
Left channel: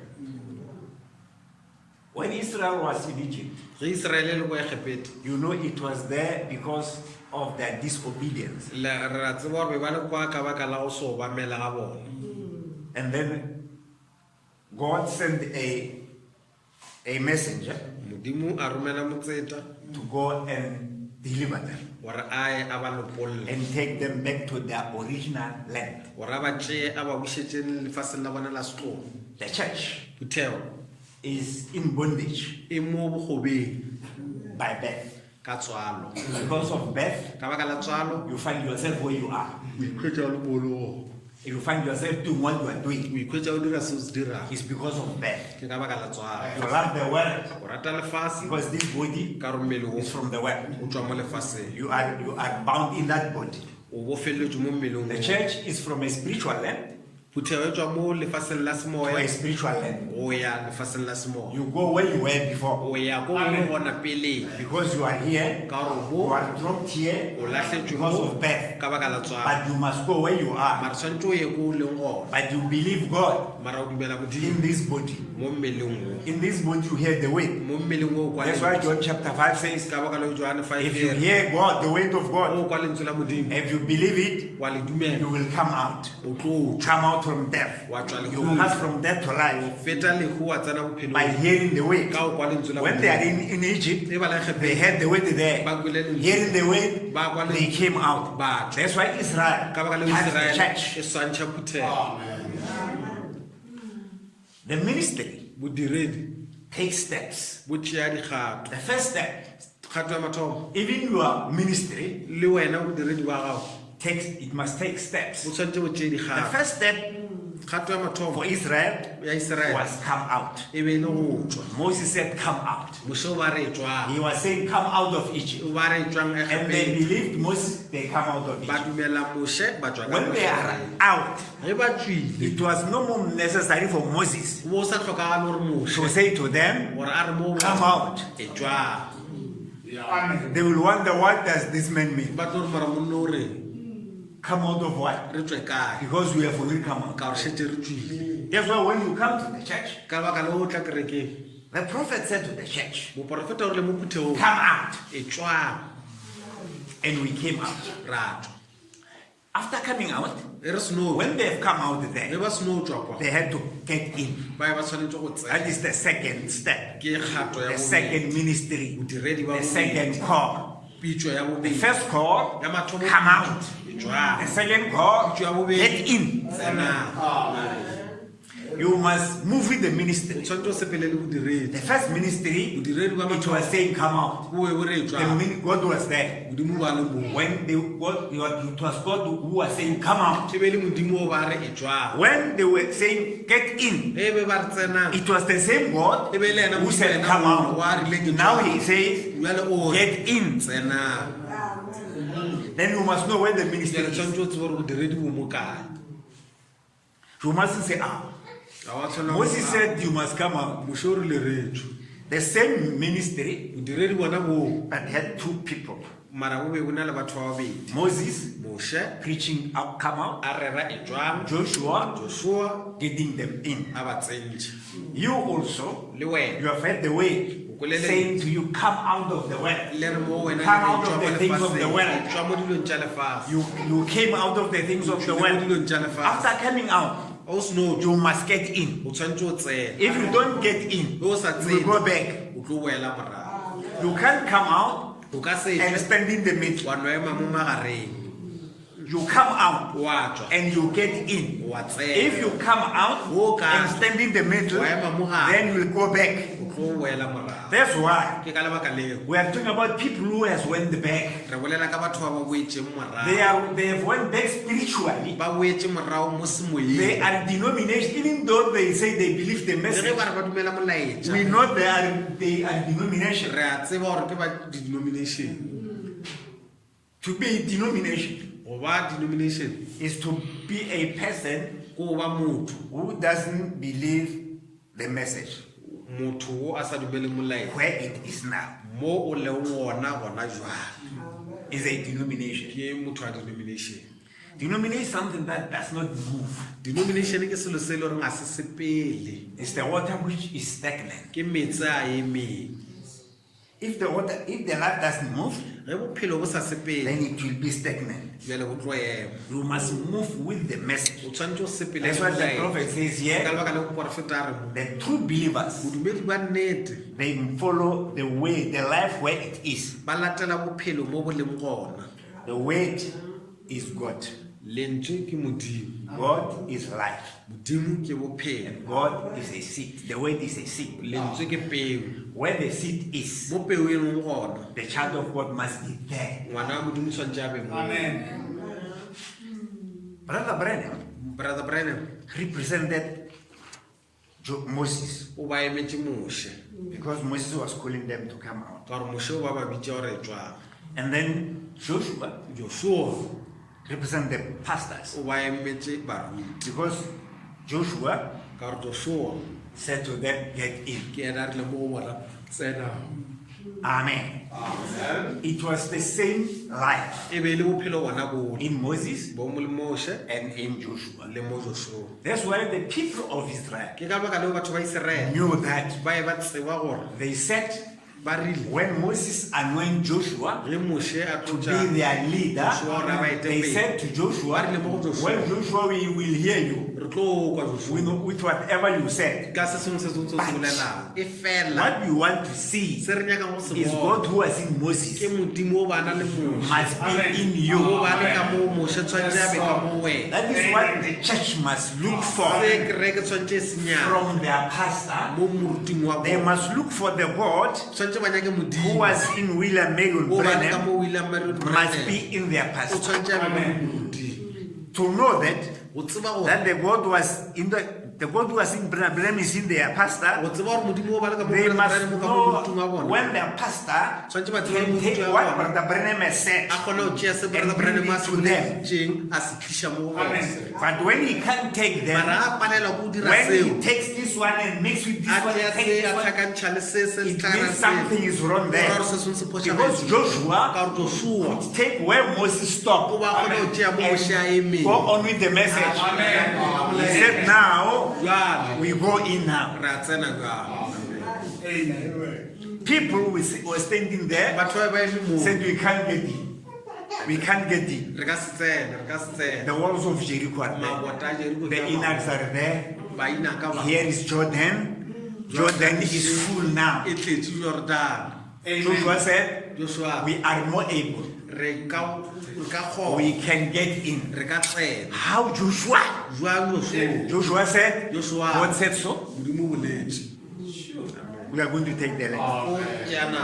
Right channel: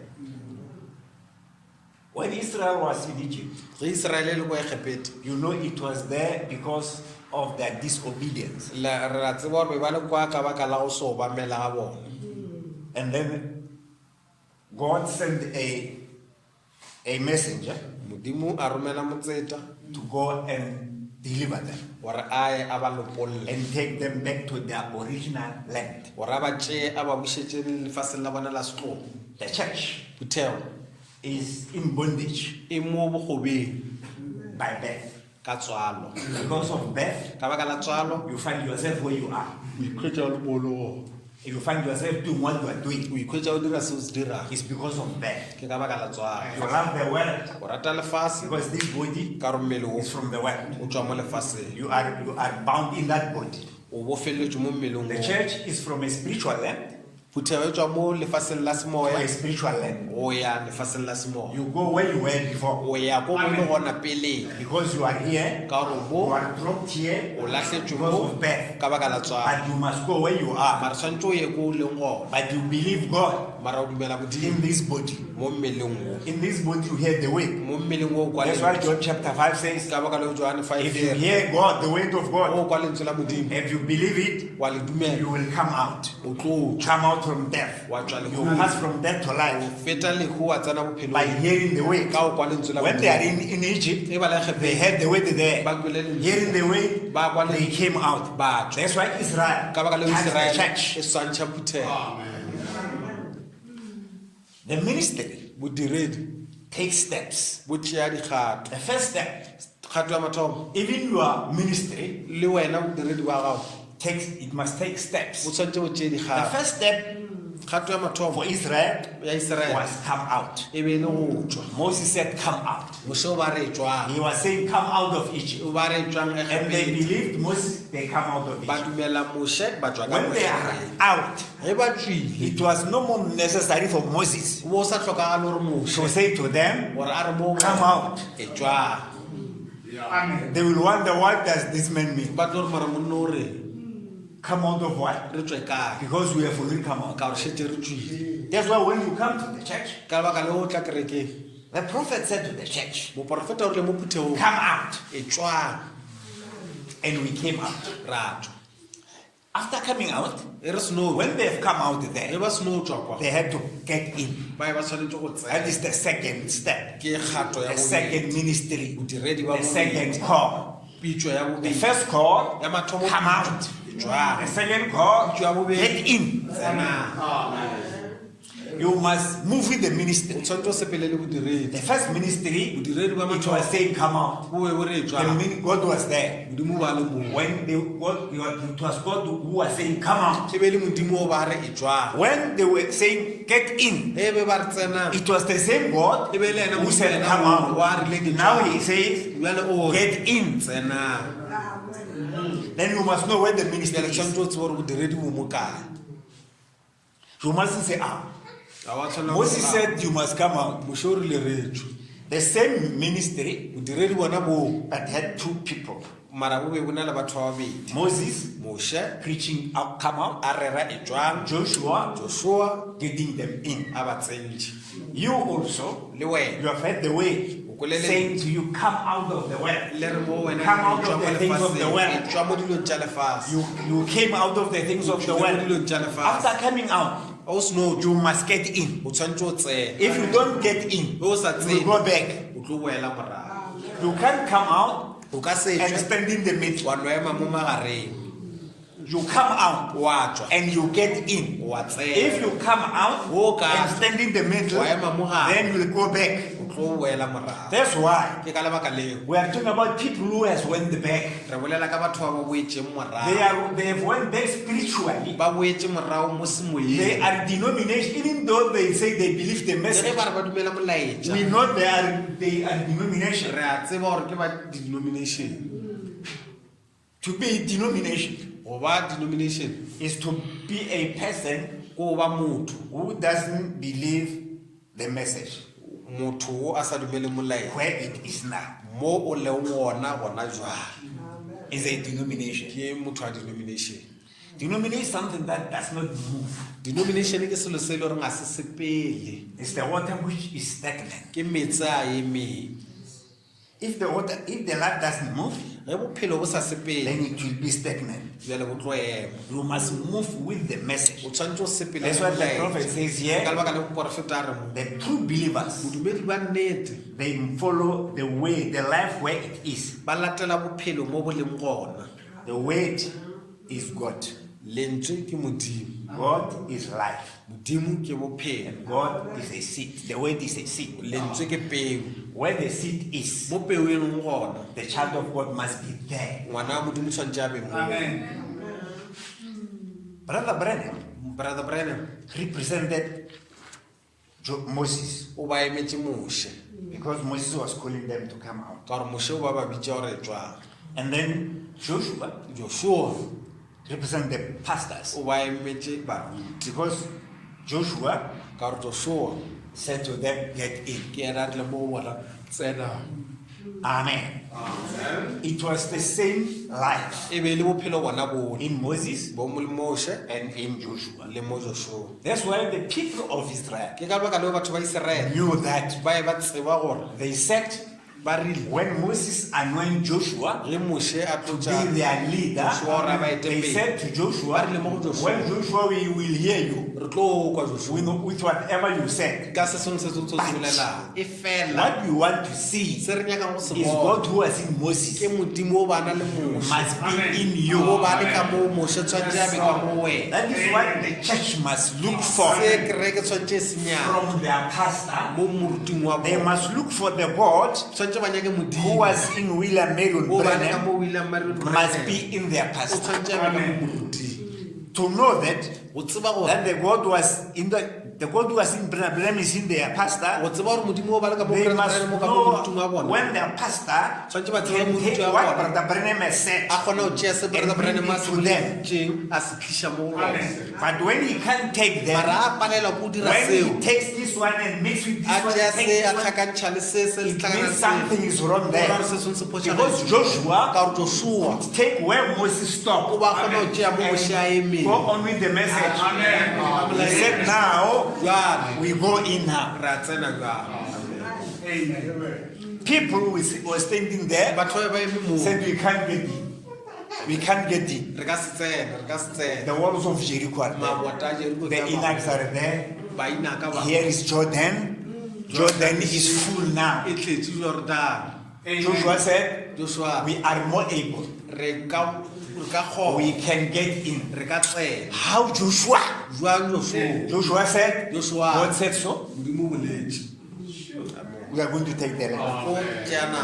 When Israel was in Egypt, ge Israele le go Egepete you know it was there because of their disobedience. re a tseba gore ba le kwa ka baka la go se obamela ga bone And then God sent a messenger modimo a romela motseta to go and deliver them gore a ye a ba lopolle and take them back to their original land. gore a ba tšee a ba bušetšeng lefaseng la bona la setlogo The church phuthego is in bondage e mo bogobeng by birth. ka tswalo Because of birth, ka baka la tswalo you find yourself where you are. o ikhwetša o le bolong If you find yourself doing what you are o doing, ikhwetša o dira se o se dirang it's because of birth. ke ka baka la tswalo You love the world o rata lefase because this body ka gore mmele is from the world. o tswa mo lefaseng You are bound in that body. o bofeletswe mo mmeleng The church is from a spiritual land phuthego e tswa mo lefaseng la to a semoya spiritual land. o ya lefaseng la semoya You go where you were before o ya ko go le gona pele because you are here. ka gore You bo are dropped here o latlhetswe because mo of birth. ka baka la tswalo But you must go where you are. mara tshwanetse o ye ko o leng gona But you believe God mara o dumela modimo in this body. mo mmeleng o In this body you hear the word. mo mmeleng o kwa That's why John chapter 5 says, ka baka la Johane 5 if you hear God, the word of God, o kwa lentswe la modimo if you believe it, wa le you dumela will come out. o tlo Come out from death. wa tswa You le pass from death to life feta le go wa tsena by bophelong hearing the word. ka o kwa lentswe la When they are modimo in Egypt, e ba la they Egepete heard the word there. ba kwele lentswe Hearing the word, ba kwa they lentswe came out. ba That's why Israel ka baka la has the Israele church. e swantšha phuthego The ministry bodiredi takes steps. bo tšea dikgato The first step, kgato ya mathomo even your ministry le wena bodiredi wa gago it must take steps. bo tshwanetse bo tšee The dikgato first step kgato ya mathomo for Israel ya Israele was come out. e be e le go tswa Moses said, come out. mose o ba re tswang He was saying, come out of Egypt. o ba re tswang And they Egepete believed Moses, they come out of ba Egypt. dumela mose ba tswa ka When they are Mose. out, ge ba tswile it was no more necessary for Moses bo sa tlhokagale gore mose to say to them, gore a re mo come out. e tswang They will wonder, what does this man mean? ba tlo re mara monno o re Come out of what? re tswe kae Because we have already come out. ka gore šetse re tswile That's why when you come to the church, ka baka le o tla kerekeng the prophet said to the church, moporofeta o rile mo phuthegong come out. e tswang And we came out. ra tswa After coming out, e re seno when they have come out ge there, ba seno tswa kwa they had to get in. ba ye ba tshwanetse go That tsena is the second step. ke kgato ya The second bobedi ministry. bodiredi ba The bobedi second call. pitso ya The bobedi first call, ya mathomo come out. e tswang The second call, pitso ya bobedi get in. tsena You must move with the o ministry. tshwanetse o sepele le bodiredi The first ministry, bodiredi ba it mathomo was saying, come out. bo e bo re e tswang God was there. modimo ba le mong When it was God who was saying, come out. e be le modimo o ba re e tswang When they were saying, get in, e be ba re tsenang it was the same God e be le ena who said, modimo come ena wa out. rile ke Now tswang. he says, jwale o re get in. tsenang Then you must know where the ke ministry le is. tshwanetse o tsebe gore bodiredi bo mo kae You mustn't say, ga wa tshwana Moses said you must come out. mose o rile re tswe The same ministry bodiredi bona bo but had two people. mara bo be bo na le batho ba babedi Moses mose preaching out, come out. a rera e tswang Joshua josua getting them in. a ba tsentše You also, le wena you have heard the way saying to you, come out of the world. le re mo wena Come out of the things of the world. e tswa mo dilong tša lefase You came out of the things of the mo world. dilong tša lefase After coming out, o seno you must get in. o tshwanetse o tsena If you don't get in, o sa you will tsene go back. o tlo boela morago You can't come out o ka se and stand in the middle. wa no ema mo magareng You come out wa tswa and you get in. wa tsena If you come out Okay. and stand in the middle, wa ema mo gare then you will go back. o tlo boela morago That's why ke ka lebaka leo we are talking about people who has went back. re bolela ka batho ba ba boetseng morago They have went back spiritually. ba boetse morago mo semoyeng They are denomination, even though they say they believe the le ge message. ba re ba dumela molaetša We know they are denomination. re a tseba gore ke ba denomination To be a denomination go ba denomination is to be a person go ba motho who doesn't believe the message motho o a sa dumele molaetsa where it is now. mo o le gona jwale Is a denomination. ke motho a denomination. Denomination is something that does not move. Denomination ke selo se le gore ga se sepele It's the water which is stagnant. ke metsi a emeng. If the life doesn't move, ge bophelo bo sa sepele then it will be stagnant. jale bo tlo ema You must move with the message. o tshwanetse o sepele. That's what the prophet says ka here. lebaka le porofeta a re mo The true believers, bodumedi ba nnete they follow the way, the life where it is. ba latela bophelo mo bo leng gona. The word is God. lentswe ke modimo God is life. modimo ke bophelo And God is a seed. The word is a seed. lentswe ke peo Where the seed is, mo peong gona the child of God must be there. ngwana wa modimo tshwantse a be mo. Brother Branham Brother Branham represented Moses o ba emetse moshe because Moses was calling them to come out. ka gore moshe o ba ba bitsa gore tswa. And then Joshua Joshua represented the pastors o ba emetse barui because Joshua ka gore Joshua said to them, get in. ke ena a rile mo go bona tsena. Amen. It was the same life E be e le bophelo bona bo in Moses bo mo le moshe and in Joshua. le mo Joshua. That's why the people of Israel Ke ka lebaka leo batho ba Iseraele knew that. ba e ba tseba gore They said ba rile when Moses anointed Joshua le moshe a to be tlotsa their leader, Joshua ra ba they etepele. said to Joshua, when Joshua, we will hear you re tlo kwa Joshua with whatever you said. ka se sengwe se tsontse se bolelang e fela What you want to see se re nyakang go se is bona God who was in Moses ke modimo o bana le moshe must be in o you. ba le ka mo moshe tshwantse a be ka mo wena. That is what the church must look for Se kereke tshwantse e senyana from their pastor. mo moruting wa They bona must look for the God tshwantse ba nyake who modimo was in William Marion o ba le ka Branham mo William Marion must Branham be in their o pastor. tshwantse a be ka mo moruting To know that o tseba gore the God was in the God who was in Branham is in their pastor. o tseba gore modimo o ba le ka mo They must Branham ka mo know moruting wa bona when their pastor tshwantse ba tseba can take moruti wa what bona Brother Branham has said. a kgona go tšea se And Brother bring Branham a it se to them. boletseng a se tliša mo go bona. But when he can't take them, mara a palelwa ko o dira when seo he takes this one and mix with this a one, tšea and take se a this one, tlhakantšha le se se it tlhakana means something is wrong there. gore se sengwe se Because phošagetse Joshua ka gore Joshua take where Moses o stopped ba kgona go tšea mo moshe a emeng go on with the message. He said, now jwale we go in now. re a tsena jwale People were standing there batho ba ba eme mo said, we can't get in. We can't get in. re ka se tsena re ka se tsena The walls of Jericho are there. mabota a Jeriko The ke a Enochs are there. ba ina ka ba Here is Jordan. Jordan is full now. e tletse Jordan. Joshua said, Joshua we are more able. re ka We kgona can get in. re ka tsena How Joshua? jwang Joshua Joshua said, Joshua God said so. modimo o boletse We are going to take the land. o tsena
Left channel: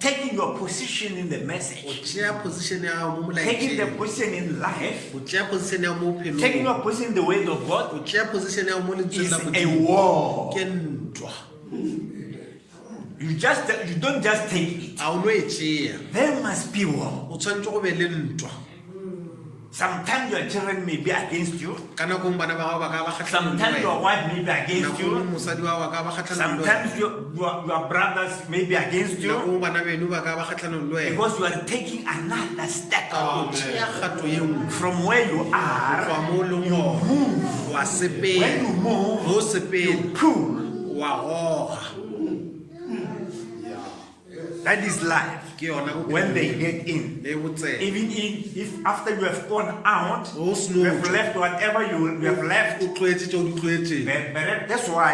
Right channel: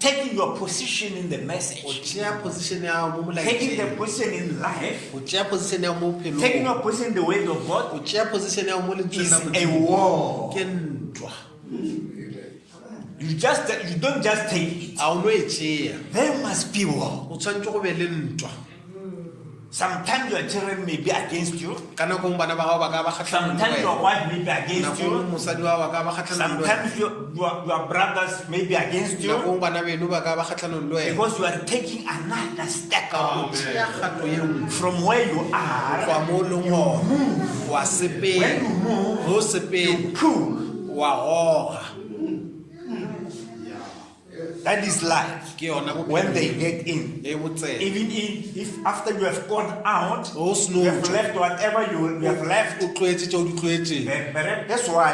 Taking your position in the message. o tšea position ya mo Taking the molaetseng position in life. o tšea position ya mo Taking bophelong your position in the word of o God tšea position ya mo lentsweng is la a modimo war. ke ntwa You don't just take it. a o no e tšea There must be war. o tshwanetse go be le ntwa. Sometimes your children may be against you. Ka nakong bana ba gago ba ka ba kgatlhanong le Sometimes your wena. wife may be against Nakong you. mosadi wa gago ba ka ba kgatlhanong le wena. Sometimes your brothers may be against you. Nakong bana beno ba ka ba kgatlhanong le wena. Because you are taking another step Ka go tšea kgato ye nngwe from where you go are. tswa mo o leng You gona. move. Wa When sepela you move, go sepela you pull. wa goga That is life. ke yona When they get in, le botsela even if after you have gone out, o you have seno left whatever you have left. o tlwaetse tšeo di tlwaetseng But that's why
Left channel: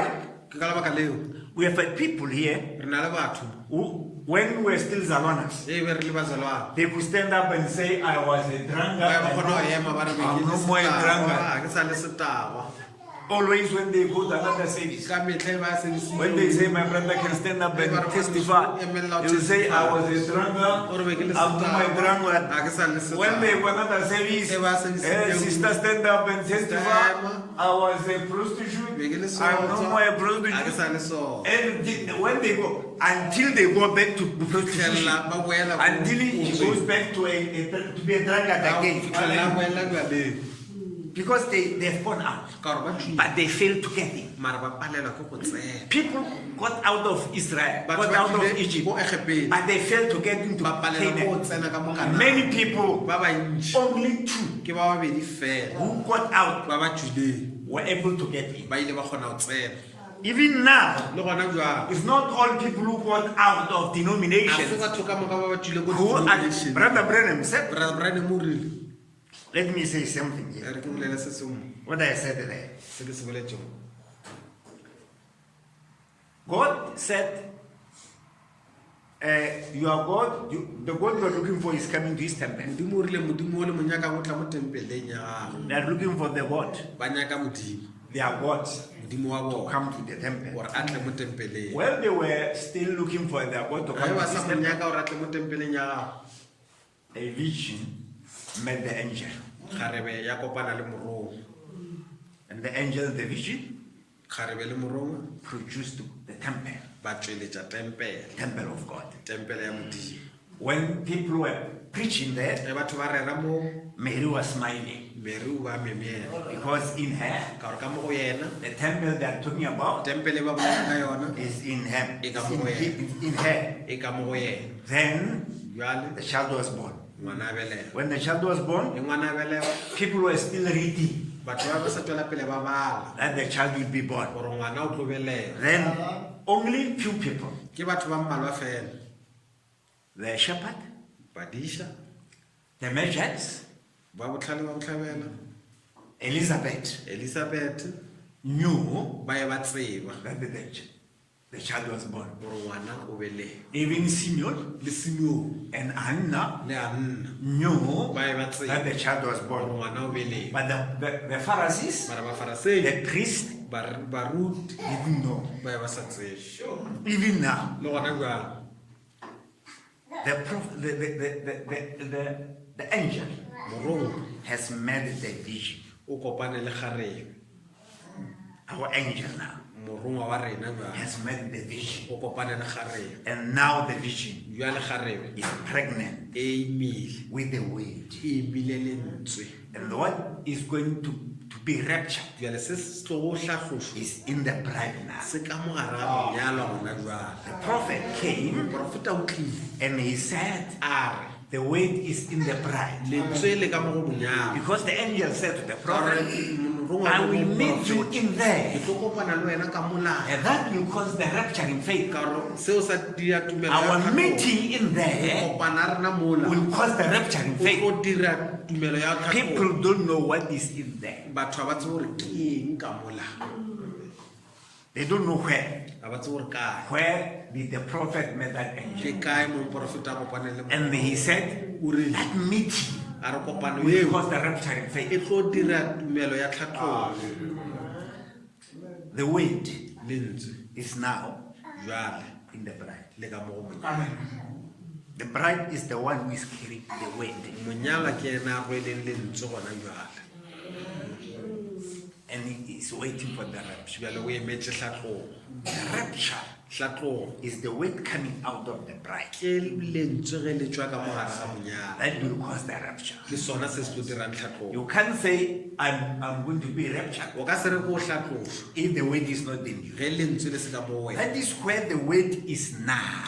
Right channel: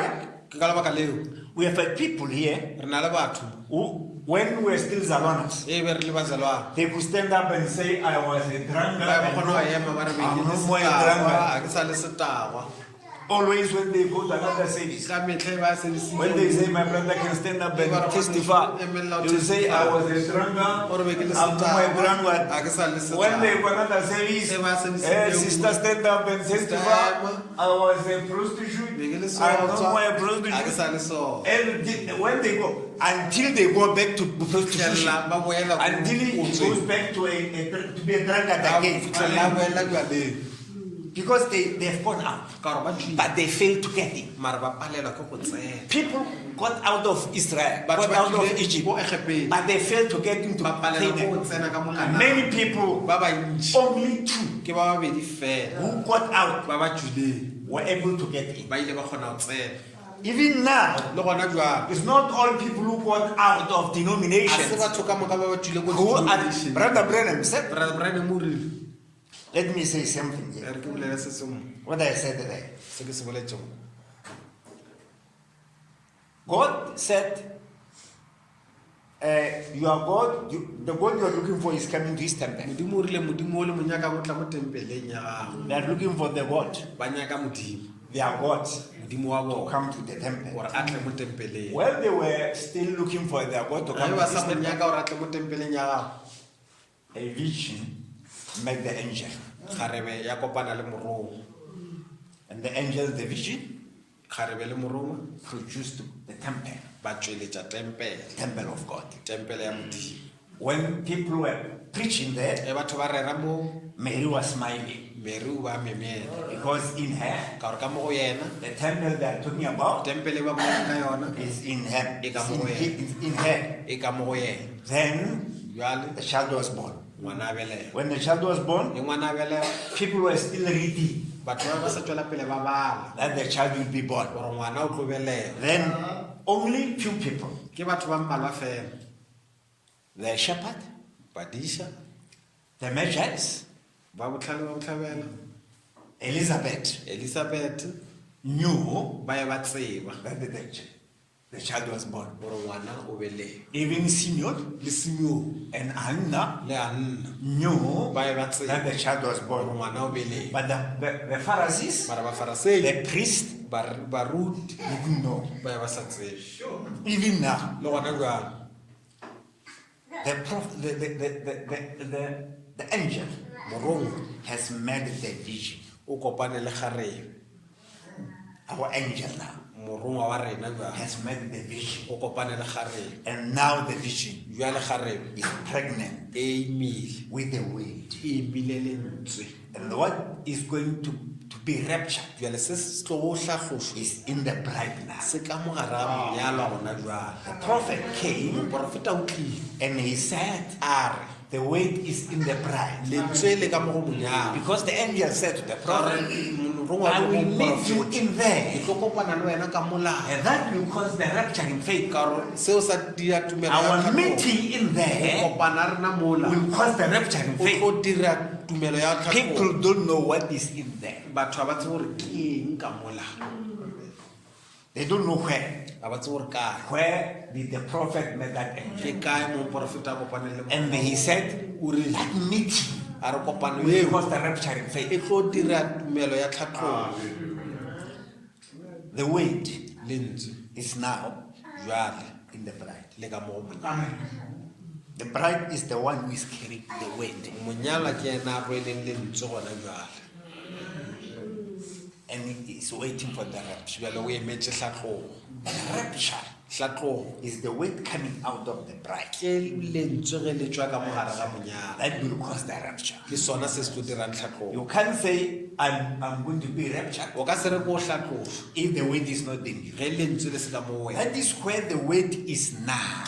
ke ka lebaka leo we have had people here re na le batho who, when we were still Zalonas, e be re le bazalwana they could stand up and say, I was a drunkard. ba kgona go ema ba re I'm no more a drunkard. ke sa le setagwa Always when they go to another service, ka metlha ba when they say my brother can stand up and testify, he will say I was a drunkard, I'm no more a drunkard. When they go another service, sister stand up and testify, I was a prostitute, I'm no more a prostitute. And when they go, until they go back to prostitution, until he goes back to be a drunkard again. Because they've gone out, but they failed to get in. People got out of Israel, got out of Egypt, but they failed to get into Canaan. Many people, only two who got out were able to get in. Even now, it's not all people who got out of denominations who are. Brother Branham said, let me say something here. What I said there. God said, your God, the God you are looking for is coming to his temple. They are looking for the God. Their God to come to the temple. Well, they were still looking for their God to come to his temple. A vision met the angel. And the angel, the vision, produced the temple. Temple of God. When people were preaching there, Mary was smiling. Because in her, the temple they are talking about is in her. In her. Then the child was born. When the child was born, people were still reading that the child will be born. Then only few people, the shepherd, the magistrates, Elizabeth knew that the child was born. Even Simeon and Anna knew that the child was born. But the Pharisees, the priest, didn't know. Even now, the angel has made the vision. Our angel now has made the vision. And now the vision is pregnant with the weight. And what is going to be raptured is in the bride now. The prophet came and he said, the weight is in the bride. Because the angel said to the prophet, I will meet you in there. And that will cause the rapture in faith. Our meeting in there will cause the rapture in faith. People don't know what is in there. They don't know where. Where did the prophet meet that angel? And he said, that meeting will cause the rapture in faith. The weight is now in the bride. The bride is the one who is carrying the weight. And he is waiting for the rapture. The rapture is the weight coming out of the bride. That will cause the rapture. You can't say, I'm going to be raptured if the weight is not in you. That is where the weight is now.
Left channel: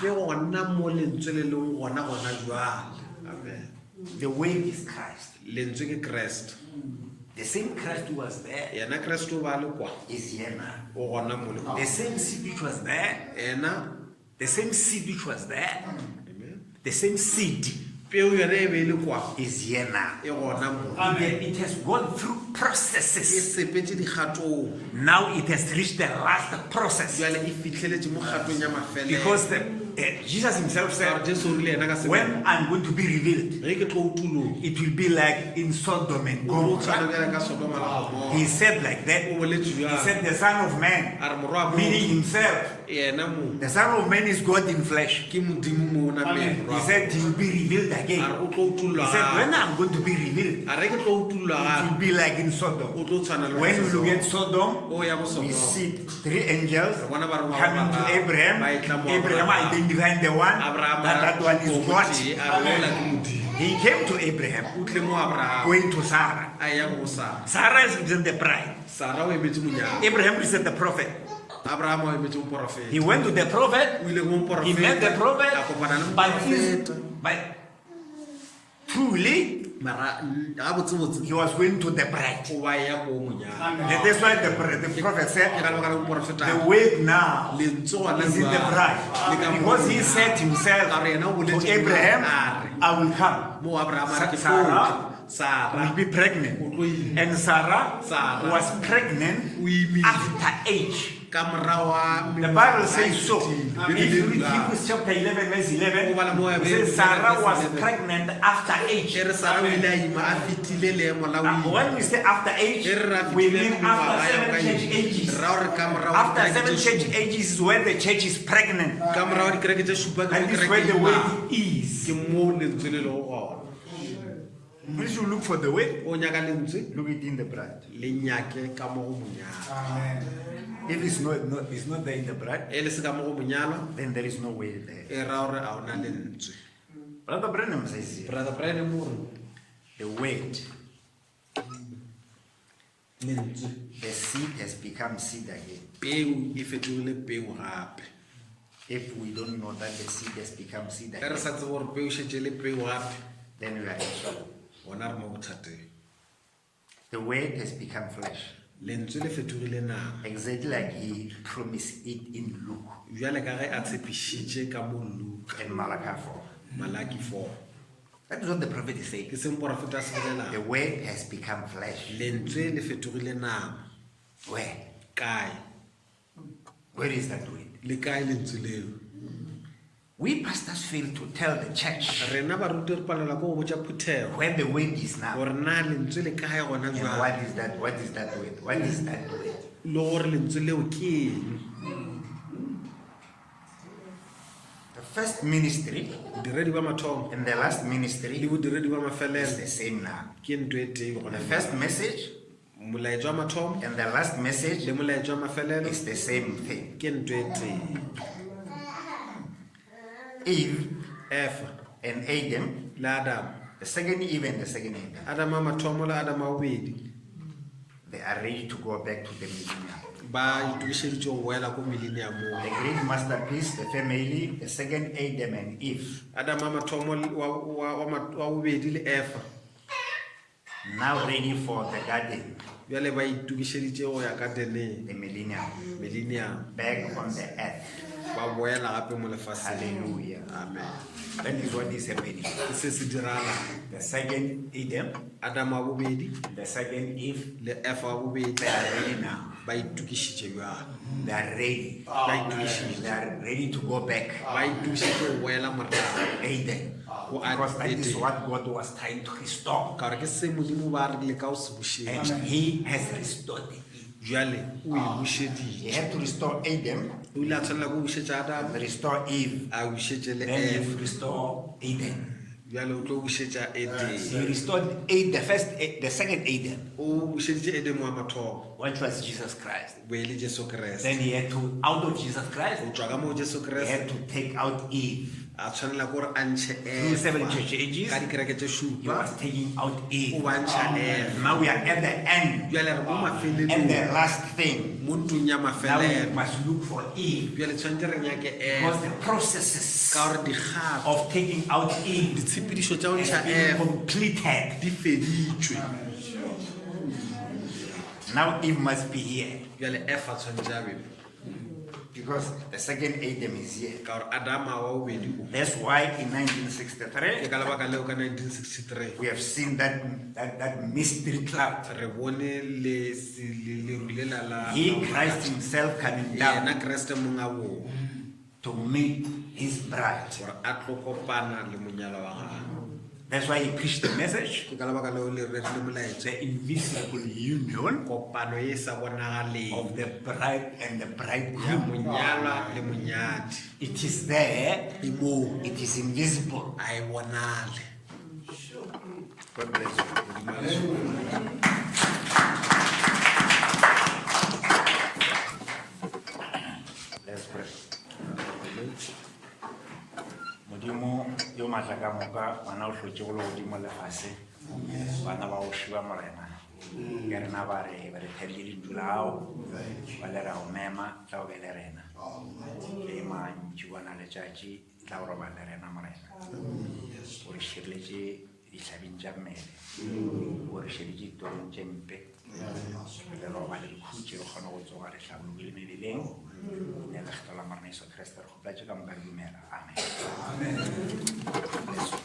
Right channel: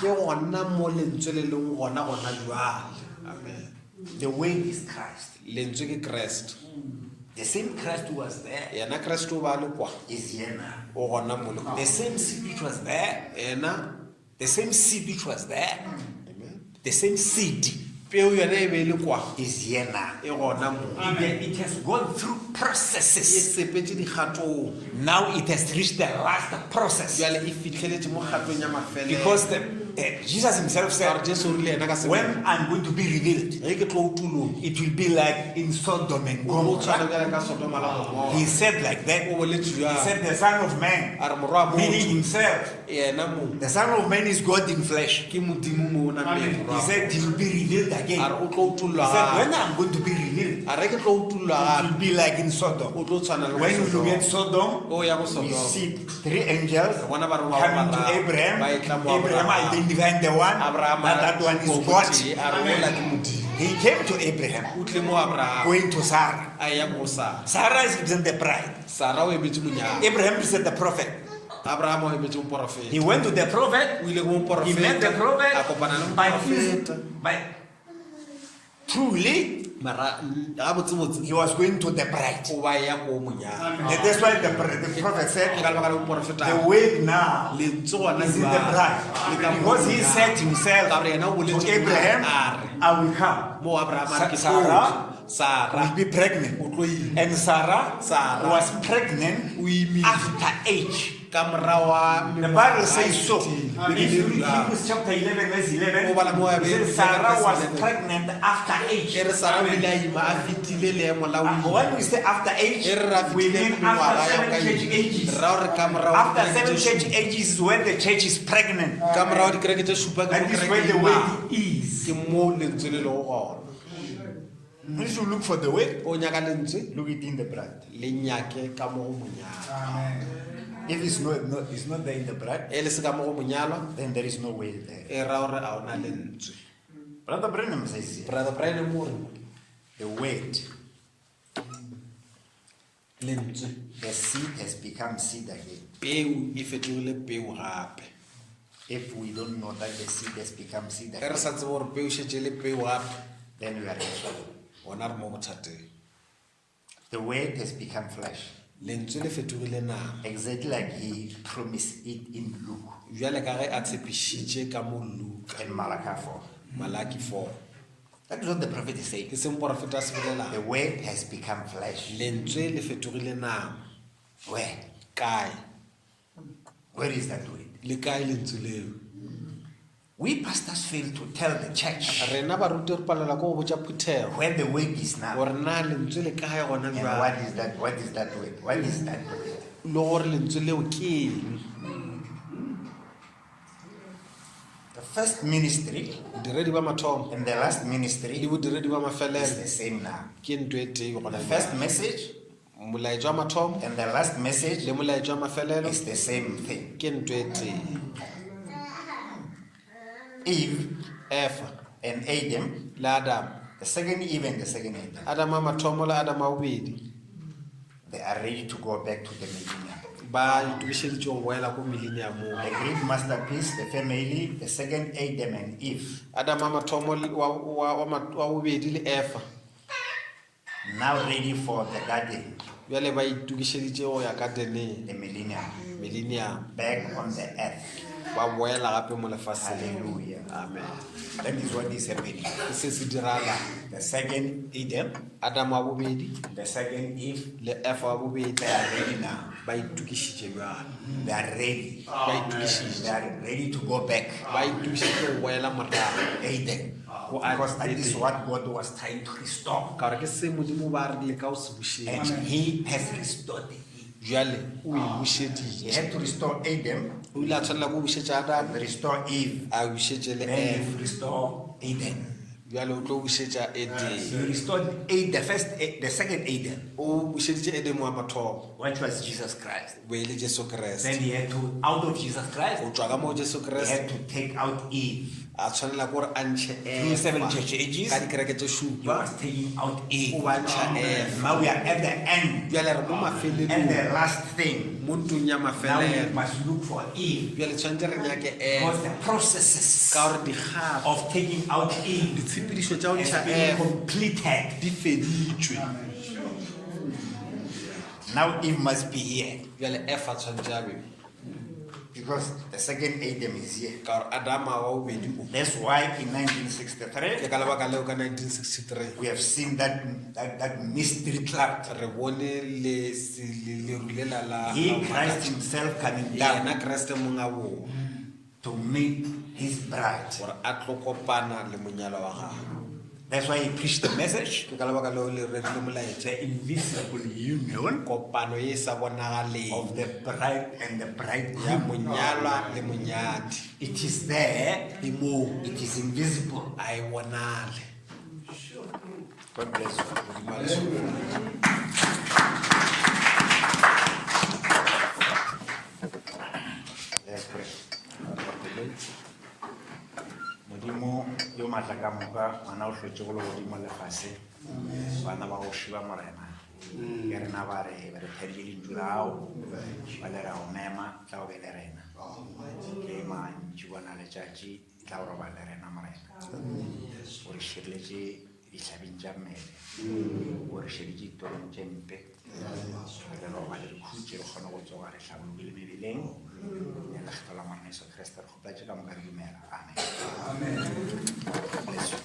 The weight is Christ. The same Christ who was there is here now. The same seed which was there, the same seed which was there, the same seed is here now. It has gone through processes. Now it has reached the last process. Because Jesus himself said, when I'm going to be revealed, it will be like in Sodom and Gomorrah. He said like that. He said the Son of Man, meaning himself. The Son of Man is God in flesh. He said he will be revealed again. He said when I'm going to be revealed, it will be like in Sodom. When you look at Sodom, you see 3 angels coming to Abraham. Abraham identified the one, that one is God. He came to Abraham, going to Sarah. Sarah is the bride. Abraham is the prophet. He went to the prophet. He met the prophet. But truly, he was going to the bride. That's why the prophet said, the way now is in the bride. Because he said himself to Abraham, I will come. Sarah will be pregnant. And Sarah was pregnant after age. The Bible says so. If you read Hebrews chapter 11, verse 11, it says Sarah was pregnant after age. When we say after age, we mean after 7 church ages. After 7 church ages is when the church is pregnant. And this is where the wedding is. We should look for the way. Look it in the bride. If it's not there in the bride, then there is no way there. Brother Branham says here, the word, the seed has become seed again. If we don't know that the seed has become seed again, then we are in trouble. The word has become flesh. Exactly like he promised it in Luke and Malachi 4. That is what the prophet is saying. The word has become flesh. Where is that word? We pastors fail to tell the church where the word is now. And what is that? What is that word? What is that word? The first ministry and the last ministry is the same now. The first message and the last message is the same thing. Eve and Adam, the second Eve and the second Adam, they are ready to go back to the millennium. The great masterpiece, the family, the second Adam and Eve, now ready for the garden, the millennium, back on the earth. Hallelujah. Amen. That is what is happening. The second Adam, the second Eve, they are ready now. They are ready. They are ready to go back. Eden. Because that is what God was trying to restore. And He has restored it. He had to restore Adam, and restore Eve, then he will restore Eden. He restored the second Adam, which was Jesus Christ. Then he had to, out of Jesus Christ, he had to take out Eve. Through 7 church ages, he was taking out Eve. Now we are at the end, and the last thing. Now we must look for Eve, because the processes of taking out Eve has been completed. Now Eve must be here, because the second Adam is here. That's why in 1963 we have seen that mystery cloud. He, Christ himself, coming down to meet his bride. gore a tlo kopana le monyalo wa gagwe. That's why he preached the message, Ke ka lebaka leo le rerile molaetsa, the invisible union kopano e e sa bonagaleng of the bride and the ya bridegroom. monyalwa le monyadi. It is there, E moo it is invisible. a e bonale. God bless you. Let's pray. Modimo yo matla ka moka wana o hlotse go le godimo lefase bana ba go šiba morena ke rena ba re thadile lentšu lao ba le ra go mema tla o be le rena le mantši bona letšatši tla o roba le rena morena o re šireletše dihlabing tša mmele o re šeditše ditorong tše mpe re le roba le dikhutše re kgone go tsoga re hlabologile mebeleng ne lekgetho la morena Jesu Kriste re kgoplatše ka moka re dumela amen. Bless you.